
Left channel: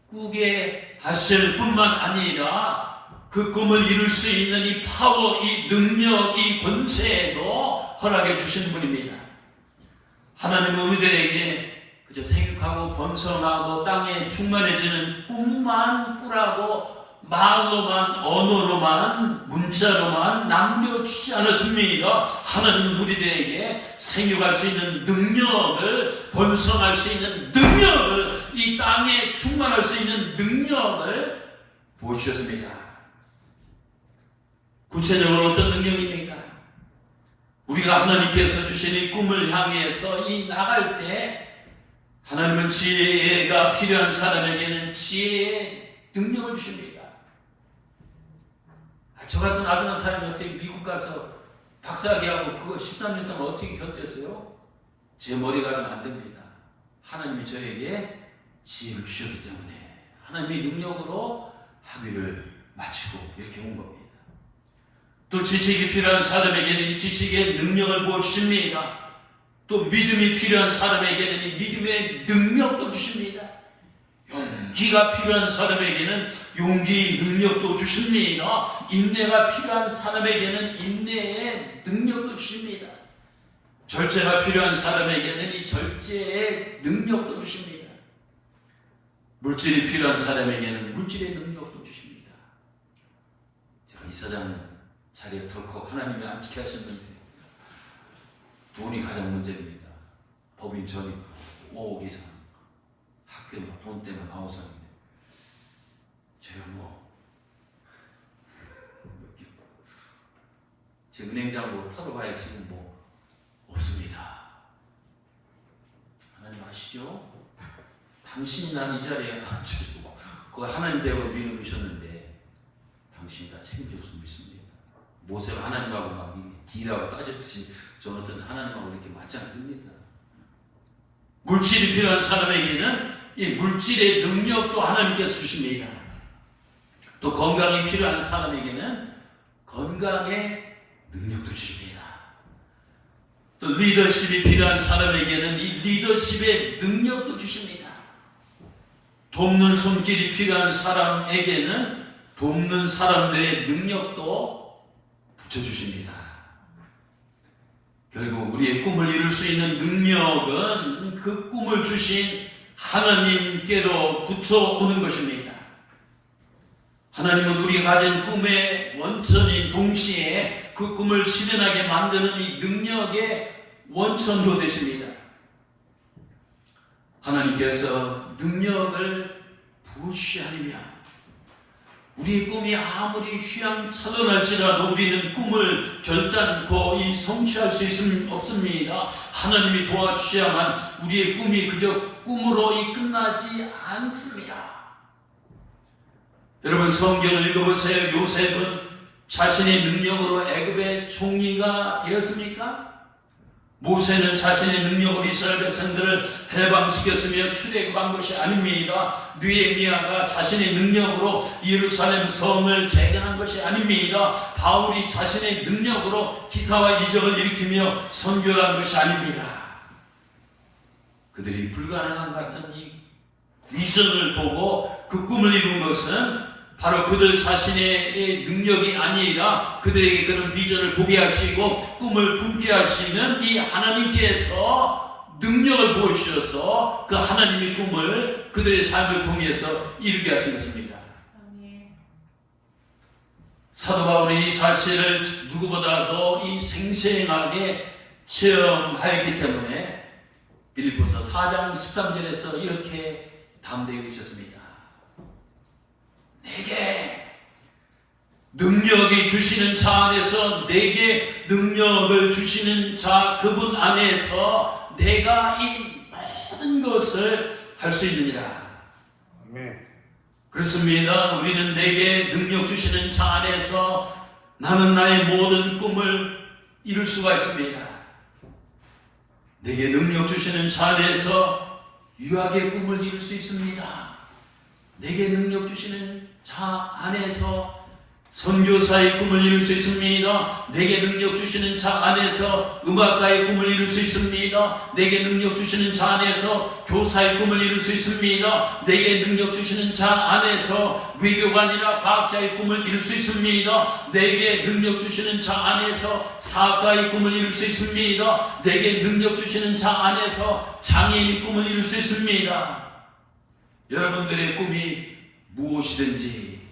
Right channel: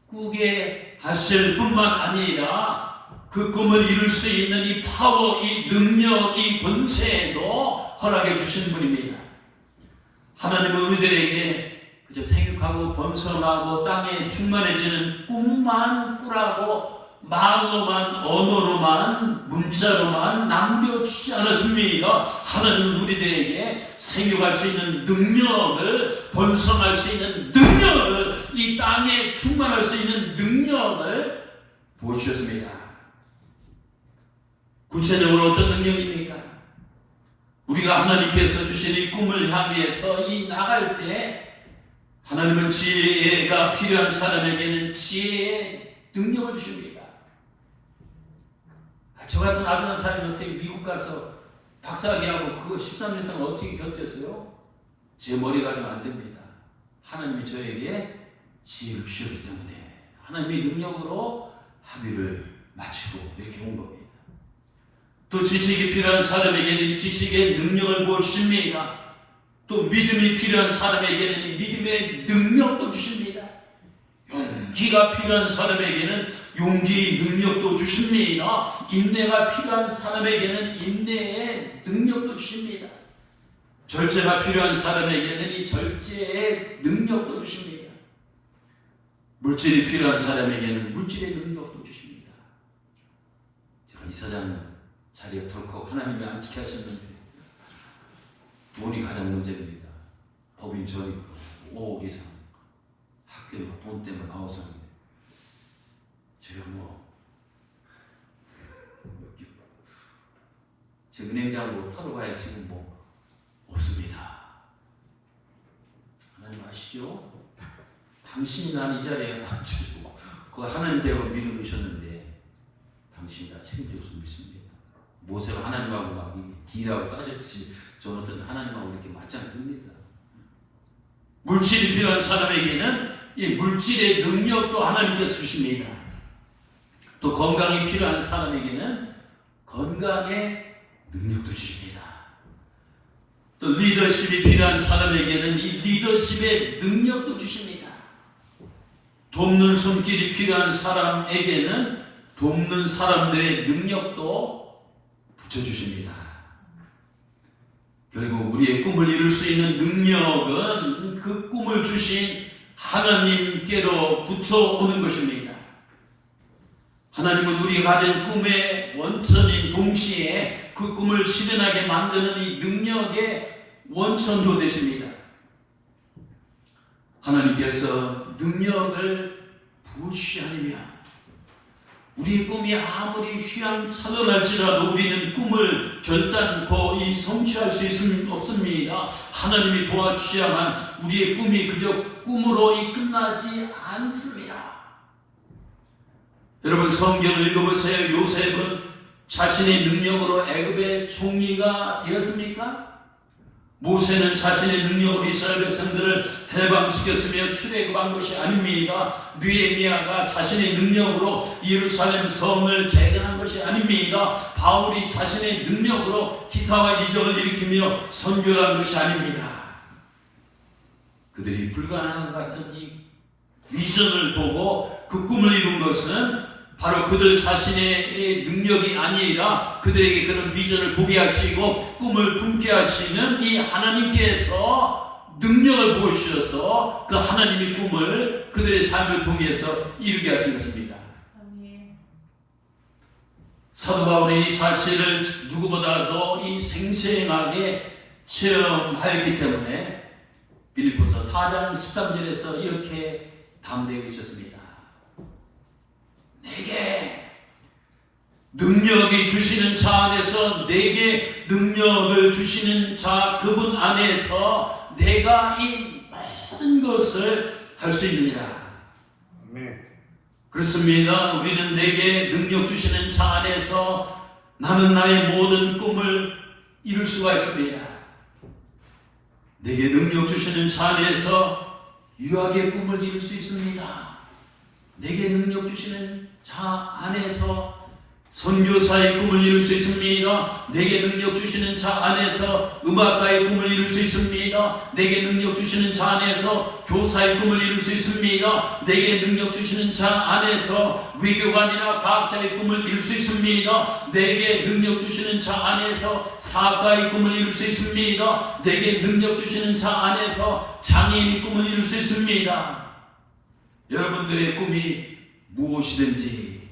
꾸게 하실 뿐만 아니라 그 꿈을 이룰 수 있는 이 파워, 이 능력, 이 권세도 허락해 주신 분입니다. 하나님은 우리들에게 그저 생육하고 번성하고 땅에 충만해지는 꿈만 꾸라고 말로만 언어로만 문자로만 남겨주지 않았습니다. 하나님은 우리들에게 생육할 수 있는 능력을 번성할 수 있는 능력을 이 땅에 충만할 수 있는 능력을 보여주셨습니다. 구체적으로 어떤 능력입니까? 우리가 하나님께서 주신 이 꿈을 향해서 이 나갈 때 하나님은 지혜가 필요한 사람에게는 지혜의 능력을 주십니다. 저 같은 아둔한 사람이 어떻게 미국 가서 박사학위하고 그거 13년 동안 어떻게 견뎠어요? 제 머리가 좀 안 됩니다. 하나님이 저에게 지혜를 주셨기 때문에 하나님의 능력으로 합의를 마치고 이렇게 온 겁니다. 또 지식이 필요한 사람에게는 이 지식의 능력을 보여주십니다. 또 믿음이 필요한 사람에게는 이 믿음의 능력도 주십니다. 용기가 필요한 사람에게는 용기의 능력도 주십니다. 인내가 필요한 사람에게는 인내의 능력도 주십니다. 절제가 필요한 사람에게는 이 절제의 능력도 주십니다. 물질이 필요한 사람에게는 물질의 능력도 주십니다. 제가 이사장 자리에 덜컥 하나님이 안 지켜 하셨는데 돈이 가장 문제입니다. 법인 전입 5억 이상 학교에 돈 때문에 나와서는데 제가 제 은행장으로 털어봐야 지금 없습니다. 하나님 아시죠? 당신이 난 이 자리에 앉혀주고 그거 하나님 대로 밀어주셨는데 당신이 다 책임질 수 있습니다. 모세가 하나님하고 막 딜하고 따졌듯이 저는 어떤 하나님하고 이렇게 맞짱 뜹니다. 물질이 필요한 사람에게는 이 물질의 능력도 하나님께서 주십니다. 또 건강이 필요한 사람에게는 건강의 능력도 주십니다. 또 리더십이 필요한 사람에게는 이 리더십의 능력도 주십니다. 돕는 손길이 필요한 사람에게는 돕는 사람들의 능력도 붙여주십니다. 결국 우리의 꿈을 이룰 수 있는 능력은 그 꿈을 주신 하나님께로 붙여오는 것입니다. 하나님은 우리가 가진 꿈의 원천인 동시에 그 꿈을 실현하게 만드는 이 능력의 원천도 되십니다. 하나님께서 능력을 부으시하니며 우리 꿈이 아무리 휘황찬란할지라도 우리는 꿈을 결단코 성취할 수 없습니다. 하나님이 도와주셔야만 우리의 꿈이 그저 꿈으로 끝나지 않습니다. 여러분 성경을 읽어보세요. 요셉은 자신의 능력으로 애굽의 총리가 되었습니까? 모세는 자신의 능력으로 이스라엘 백성들을 해방시켰으며 출애굽한 것이 아닙니다. 느헤미야가 자신의 능력으로 예루살렘 성을 재건한 것이 아닙니다. 바울이 자신의 능력으로 기사와 이적을 일으키며 선교를 한 것이 아닙니다. 그들이 불가능한 같은 이 비전을 보고 그 꿈을 이룬 것은 바로 그들 자신의 능력이 아니라 그들에게 그런 비전을 보게 하시고 꿈을 품게 하시는 이 하나님께서 능력을 보여주셔서 그 하나님의 꿈을 그들의 삶을 통해서 이루게 하신 것입니다. 사도 바울은 이 사실을 누구보다도 이 생생하게 체험하였기 때문에 빌립보서 4장 13절에서 이렇게 담대히 계셨습니다. 내게 능력이 주시는 자 안에서, 내게 능력을 주시는 자 그분 안에서 내가 이 모든 것을 할 수 있느니라. 그렇습니다. 우리는 내게 능력 주시는 자 안에서 나는 나의 모든 꿈을 이룰 수가 있습니다. 내게 능력 주시는 자 안에서 유학의 꿈을 이룰 수 있습니다. 내게 능력 주시는 자 안에서 선교사의 꿈을 이룰 수 있습니다. 내게 능력 주시는 자 안에서 음악가의 꿈을 이룰 수 있습니다. 내게 능력 주시는 자 안에서 교사의 꿈을 이룰 수 있습니다. 내게 능력 주시는 자 안에서 외교관이나 과학자의 꿈을 이룰 수 있습니다. 내게 능력 주시는 자 안에서 사학가의 꿈을 이룰 수 있습니다. 내게 능력 주시는 자 안에서 장애인의 꿈을 이룰 수 있습니다. 여러분들의 꿈이 무엇이든지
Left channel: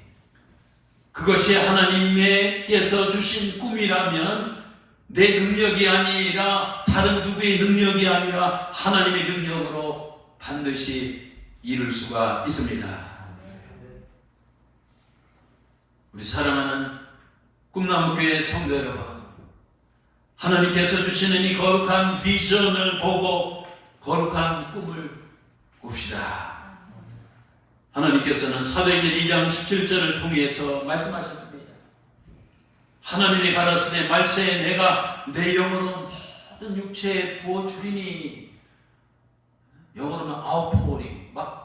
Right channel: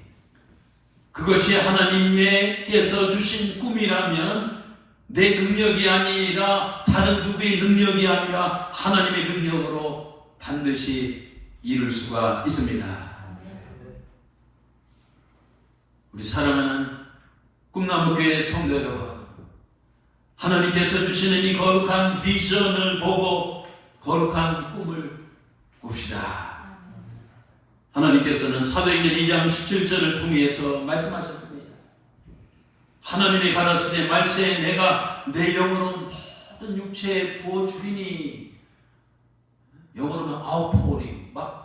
그것이 하나님께서 주신 꿈이라면 내 능력이 아니라 다른 누구의 능력이 아니라 하나님의 능력으로 반드시 이룰 수가 있습니다. 우리 사랑하는 꿈나무교회 성도 여러분, 하나님께서 주시는 이 거룩한 비전을 보고 거룩한 꿈을 꿉시다. 하나님께서는 사도행전 2장 17절을 통해서 말씀하셨습니다. 하나님이 가라사대 말세에 내가 내 영혼은 모든 육체에 부어주리니, 영혼은 아웃포링, 막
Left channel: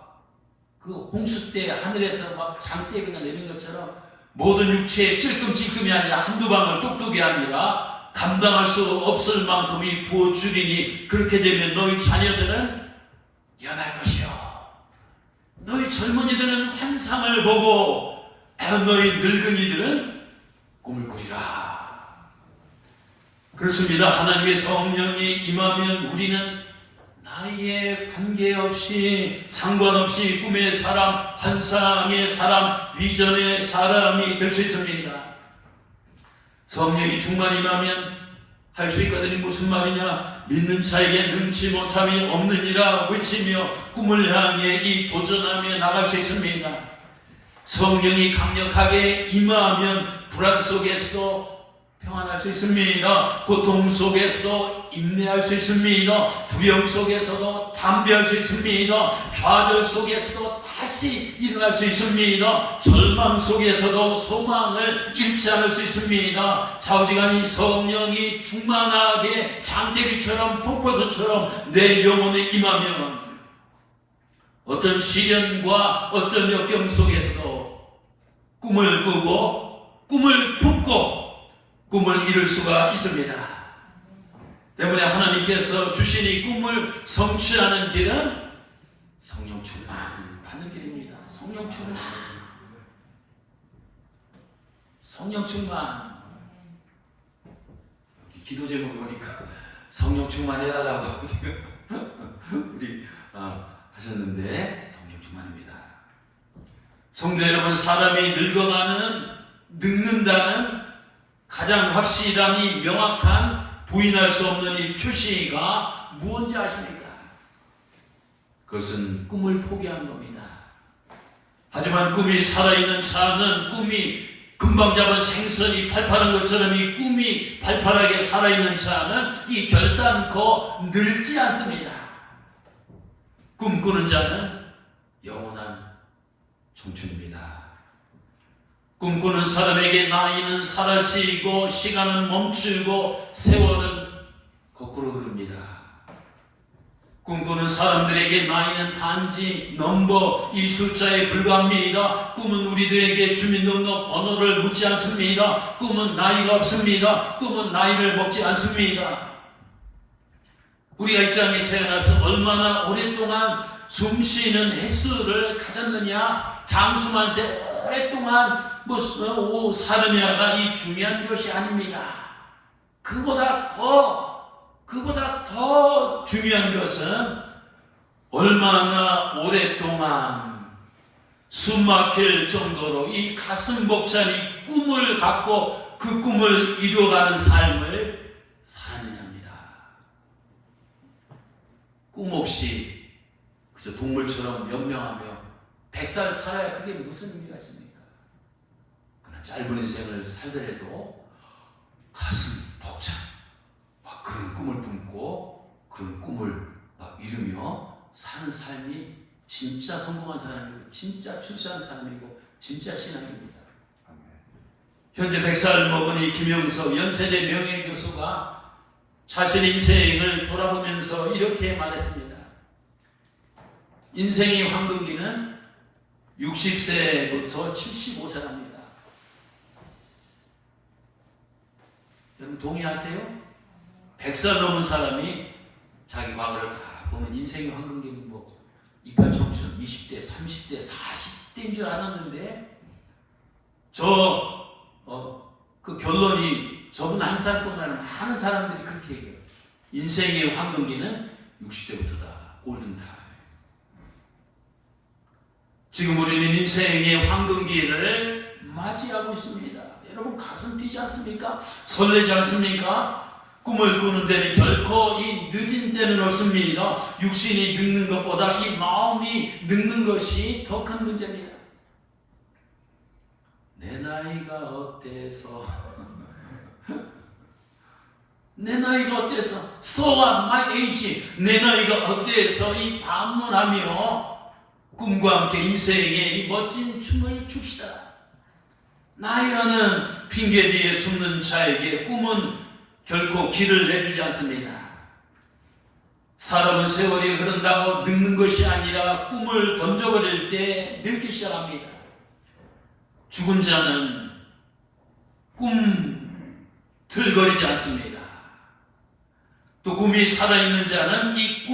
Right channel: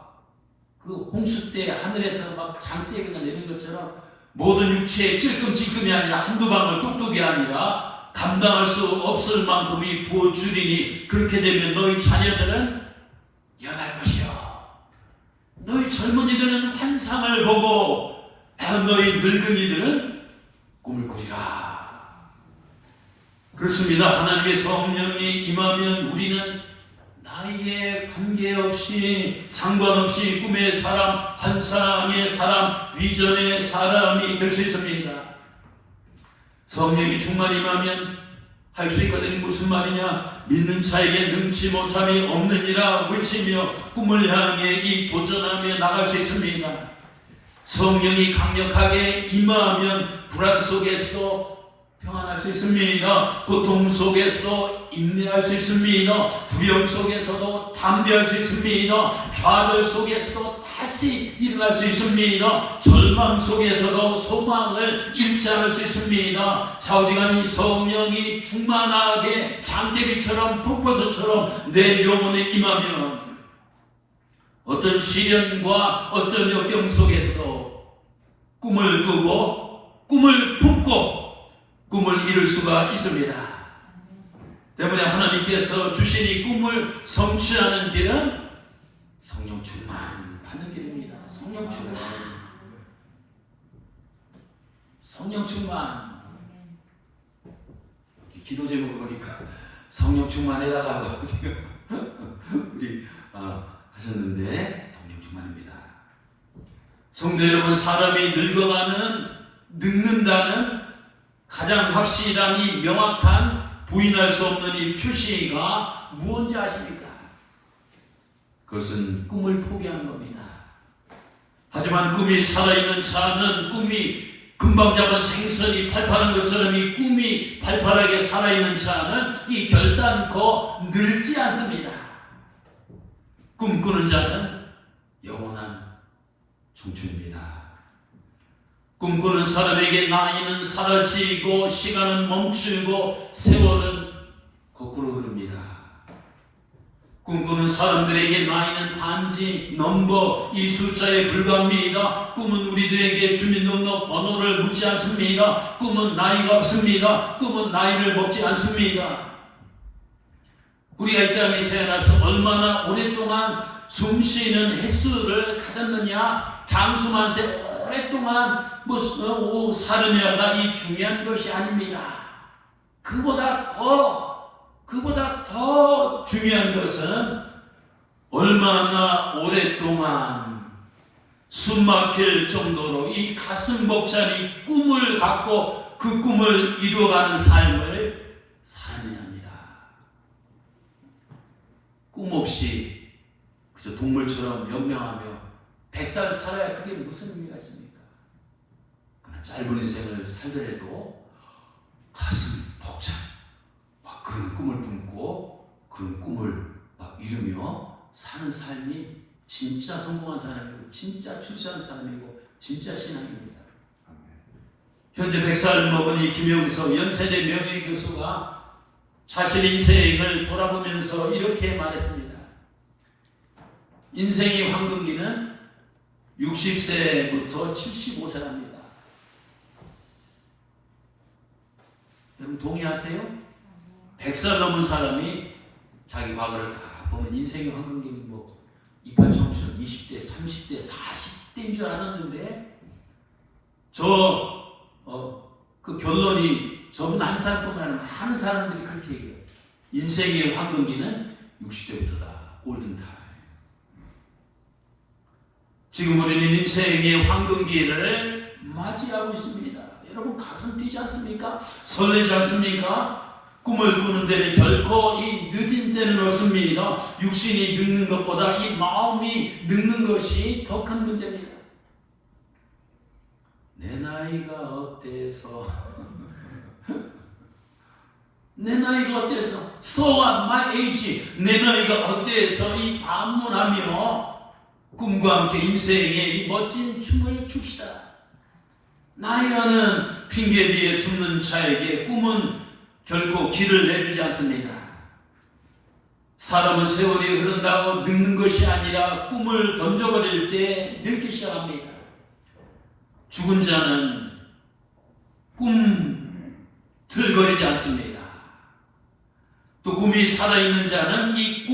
그 홍수 때 하늘에서 막 장대가 내린 것처럼 모든 육체에 찔끔찔끔이 아니라 한두 방울 똑똑이 아니라 감당할 수 없을 만큼이 부어주리니, 그렇게 되면 너희 자녀들은 영할 것이요, 너희 젊은이들은 환상을 보고 너희 늙은이들은 꿈을 꾸리라. 그렇습니다. 하나님의 성령이 임하면 우리는 나이에 관계없이 상관없이 꿈의 사람, 환상의 사람, 비전의 사람이 될 수 있습니다. 성령이 충만히 임하면 할 수 있거든요. 무슨 말이냐? 믿는 자에게 능치 못함이 없느니라 외치며 꿈을 향해 이 도전하며 나갈 수 있습니다. 성령이 강력하게 임하면 불안 속에서도 평안할 수 있습니다. 고통 속에서도 인내할 수 있습니다. 두려움 속에서도 담대할 수 있습니다. 좌절 속에서도 다시 일어날 수 있습니다. 절망 속에서도 소망을 잃지 않을 수 있습니다. 좌우지간이 성령이 충만하게 장대기처럼 폭포수처럼 내 영혼에 임하면 어떤 시련과 어떤 역경 속에서도 꿈을 꾸고 꿈을 품고 꿈을 이룰 수가 있습니다. 때문에 하나님께서 주신 이 꿈을 성취하는 길은 성령 충만 받는 길입니다. 성령 충만, 성령 충만. 기도 제목을 보니까 성령 충만 해달라고 지금 우리 하셨는데 성경 충만입니다. 성도 여러분, 사람이 늙는다는 가장 확실한 이 명확한 부인할 수 없는 이 표시가 무엇인지 아십니까? 그것은 꿈을 포기한 겁니다. 하지만 꿈이 살아있는 자는 꿈이 금방 잡은 생선이 팔팔한 것처럼 이 꿈이 팔팔하게 살아있는 자는 이 결단코 늙지 않습니다. 꿈꾸는 자는 영원한 청춘입니다. 꿈꾸는 사람에게 나이는 사라지고 시간은 멈추고 세월은 거꾸로 흐릅니다. 꿈꾸는 사람들에게 나이는 단지 넘버, 이 숫자에 불과합니다. 꿈은 우리들에게 주민등록 번호를 묻지 않습니다. 꿈은 나이가 없습니다. 꿈은 나이를 먹지 않습니다. 우리가 이 땅에 태어나서 얼마나 오랫동안 숨쉬는 횟수를 가졌느냐, 장수만세 오랫동안 살느냐가 이 중요한 것이 아닙니다. 그보다 더 중요한 것은 얼마나 오랫동안 숨막힐 정도로 이 가슴 벅찬 이 꿈을 갖고 그 꿈을 이루어가는 삶을 살았느냐입니다. 꿈 없이 그저 동물처럼 명명하며 100살 살아야 그게 무슨 의미가 있습니까? 그러나 짧은 인생을 살더라도 가슴 벅찬 막 그런 꿈을 품고 그런 꿈을 막 이루며 사는 삶이 진짜 성공한 사람이고 진짜 출세한 사람이고 진짜 신앙입니다. 현재 100살 먹은 이 김영석 연세대 명예교수가 자신의 인생을 돌아보면서 이렇게 말했습니다. 인생의 황금기는 60세부터 75세랍니다. 여러분 동의하세요? 100살 넘은 사람이 자기 과거를 다 보면 인생의 황금기는 이빨 청춘 20대, 30대, 40대인 줄 알았는데 그 결론이 저분 한 사람뿐만 아니라 많은 사람들이 그렇게 얘기해요. 인생의 황금기는 60대부터다. 골든타임. 지금 우리는 인생의 황금기를 맞이하고 있습니다. 여러분 가슴 뛰지 않습니까? 설레지 않습니까? 꿈을 꾸는 데는 결코 이 늦은 때는 없습니다. 육신이 늙는 것보다 이 마음이 늙는 것이 더 큰 문제입니다. 내 나이가 어때서 내 나이가 어때서 So what my age 내 나이가 어때서 이 반문하며 꿈과 함께 인생의 이 멋진 춤을 춥시다. 나이라는 핑계 뒤에 숨는 자에게 꿈은 결코 길을 내주지 않습니다. 사람은 세월이 흐른다고 늙는 것이 아니라 꿈을 던져버릴 때 늙기 시작합니다. 죽은 자는 꿈틀거리지 않습니다. 또 꿈이 살아있는 자는 이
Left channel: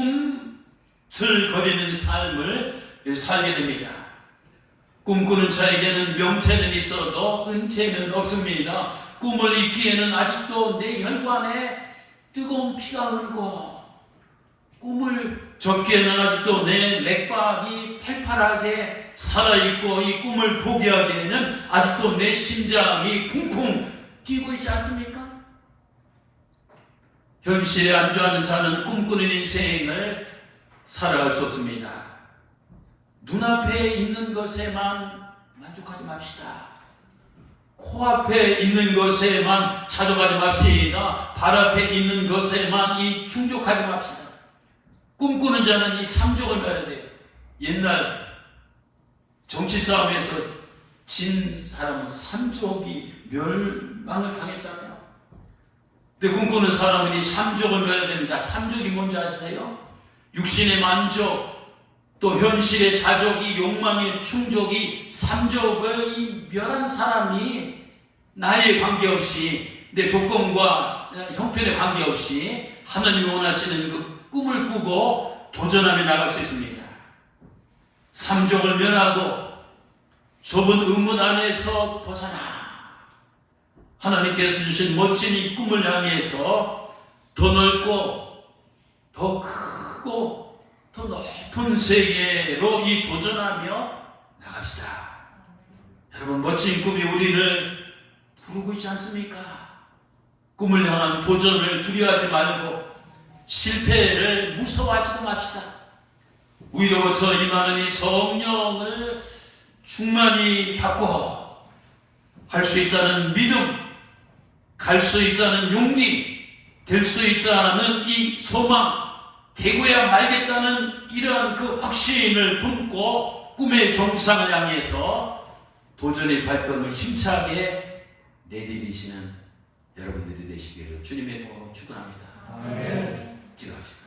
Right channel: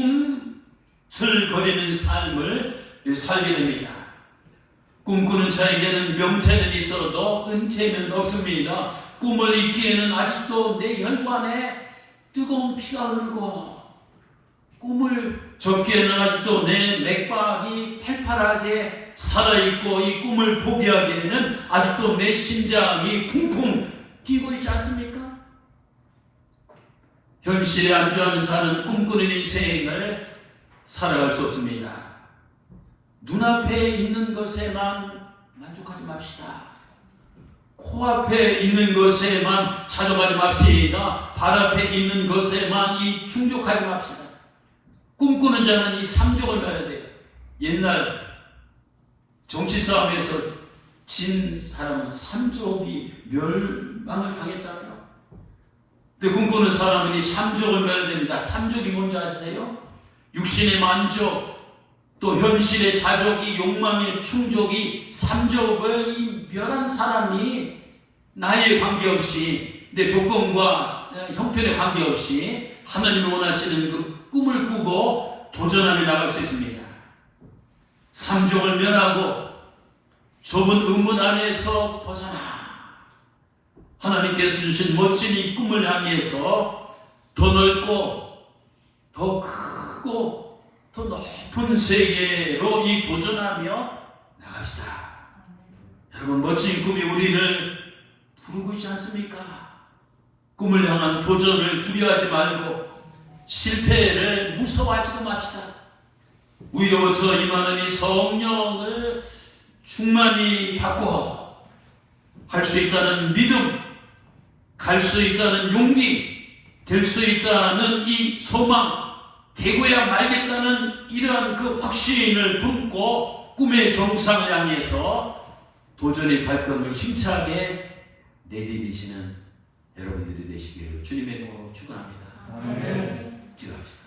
꿈틀거리는 삶을 살게 됩니다. 꿈꾸는 자에게는 명체는 있어도 은퇴는 없습니다. 꿈을 잊기에는 아직도 내 혈관에 뜨거운 피가 흐르고 꿈을 접기에는 아직도 내 맥박이 팔팔하게 살아있고 이 꿈을 포기하기에는 아직도 내 심장이 쿵쿵 뛰고 있지 않습니까? 현실에 안주하는 자는 꿈꾸는 인생을 살아갈 수 없습니다. 눈앞에 있는 것에만 만족하지 맙시다. 코앞에 있는 것에만 찾아가지 맙시다. 발 앞에 있는 것에만 충족하지 맙시다. 꿈꾸는 자는 이 삼족을 멸해야 돼요. 옛날 정치 싸움에서 진 사람은 삼족이 멸망을 당했잖아요. 근데 꿈꾸는 사람은 이 삼족을 멸해야 됩니다. 삼족이 뭔지 아시나요? 육신의 만족, 또 현실의 자족, 이 욕망의 충족이 삼족을 이 멸한 사람이 나이에 관계없이 내 조건과 형편에 관계없이 하나님이 원하시는 그 꿈을 꾸고 도전하며 나갈 수 있습니다. 삼족을 멸하고 좁은 의문 안에서 벗어나 하나님께서 주신 멋진 이 꿈을 향해서 더 넓고 더 크고 더 높은 세계로 이 도전하며 나갑시다. 여러분, 멋진 꿈이 우리를 부르고 있지 않습니까? 꿈을 향한 도전을 두려워하지 말고 실패를 무서워하지도 맙시다. 오히려 저 임하는 이 성령을 충만히 받고 할 수 있다는 믿음, 갈 수 있다는 용기, 될 수 있다는 이 소망, 되고야 말겠다는 이러한 그 확신을 품고 꿈의 정상을 향해서 도전의 발걸음을 힘차게 내디디시는 여러분들이 되시기를 주님의 이름으로 축원합니다. 기도합시다.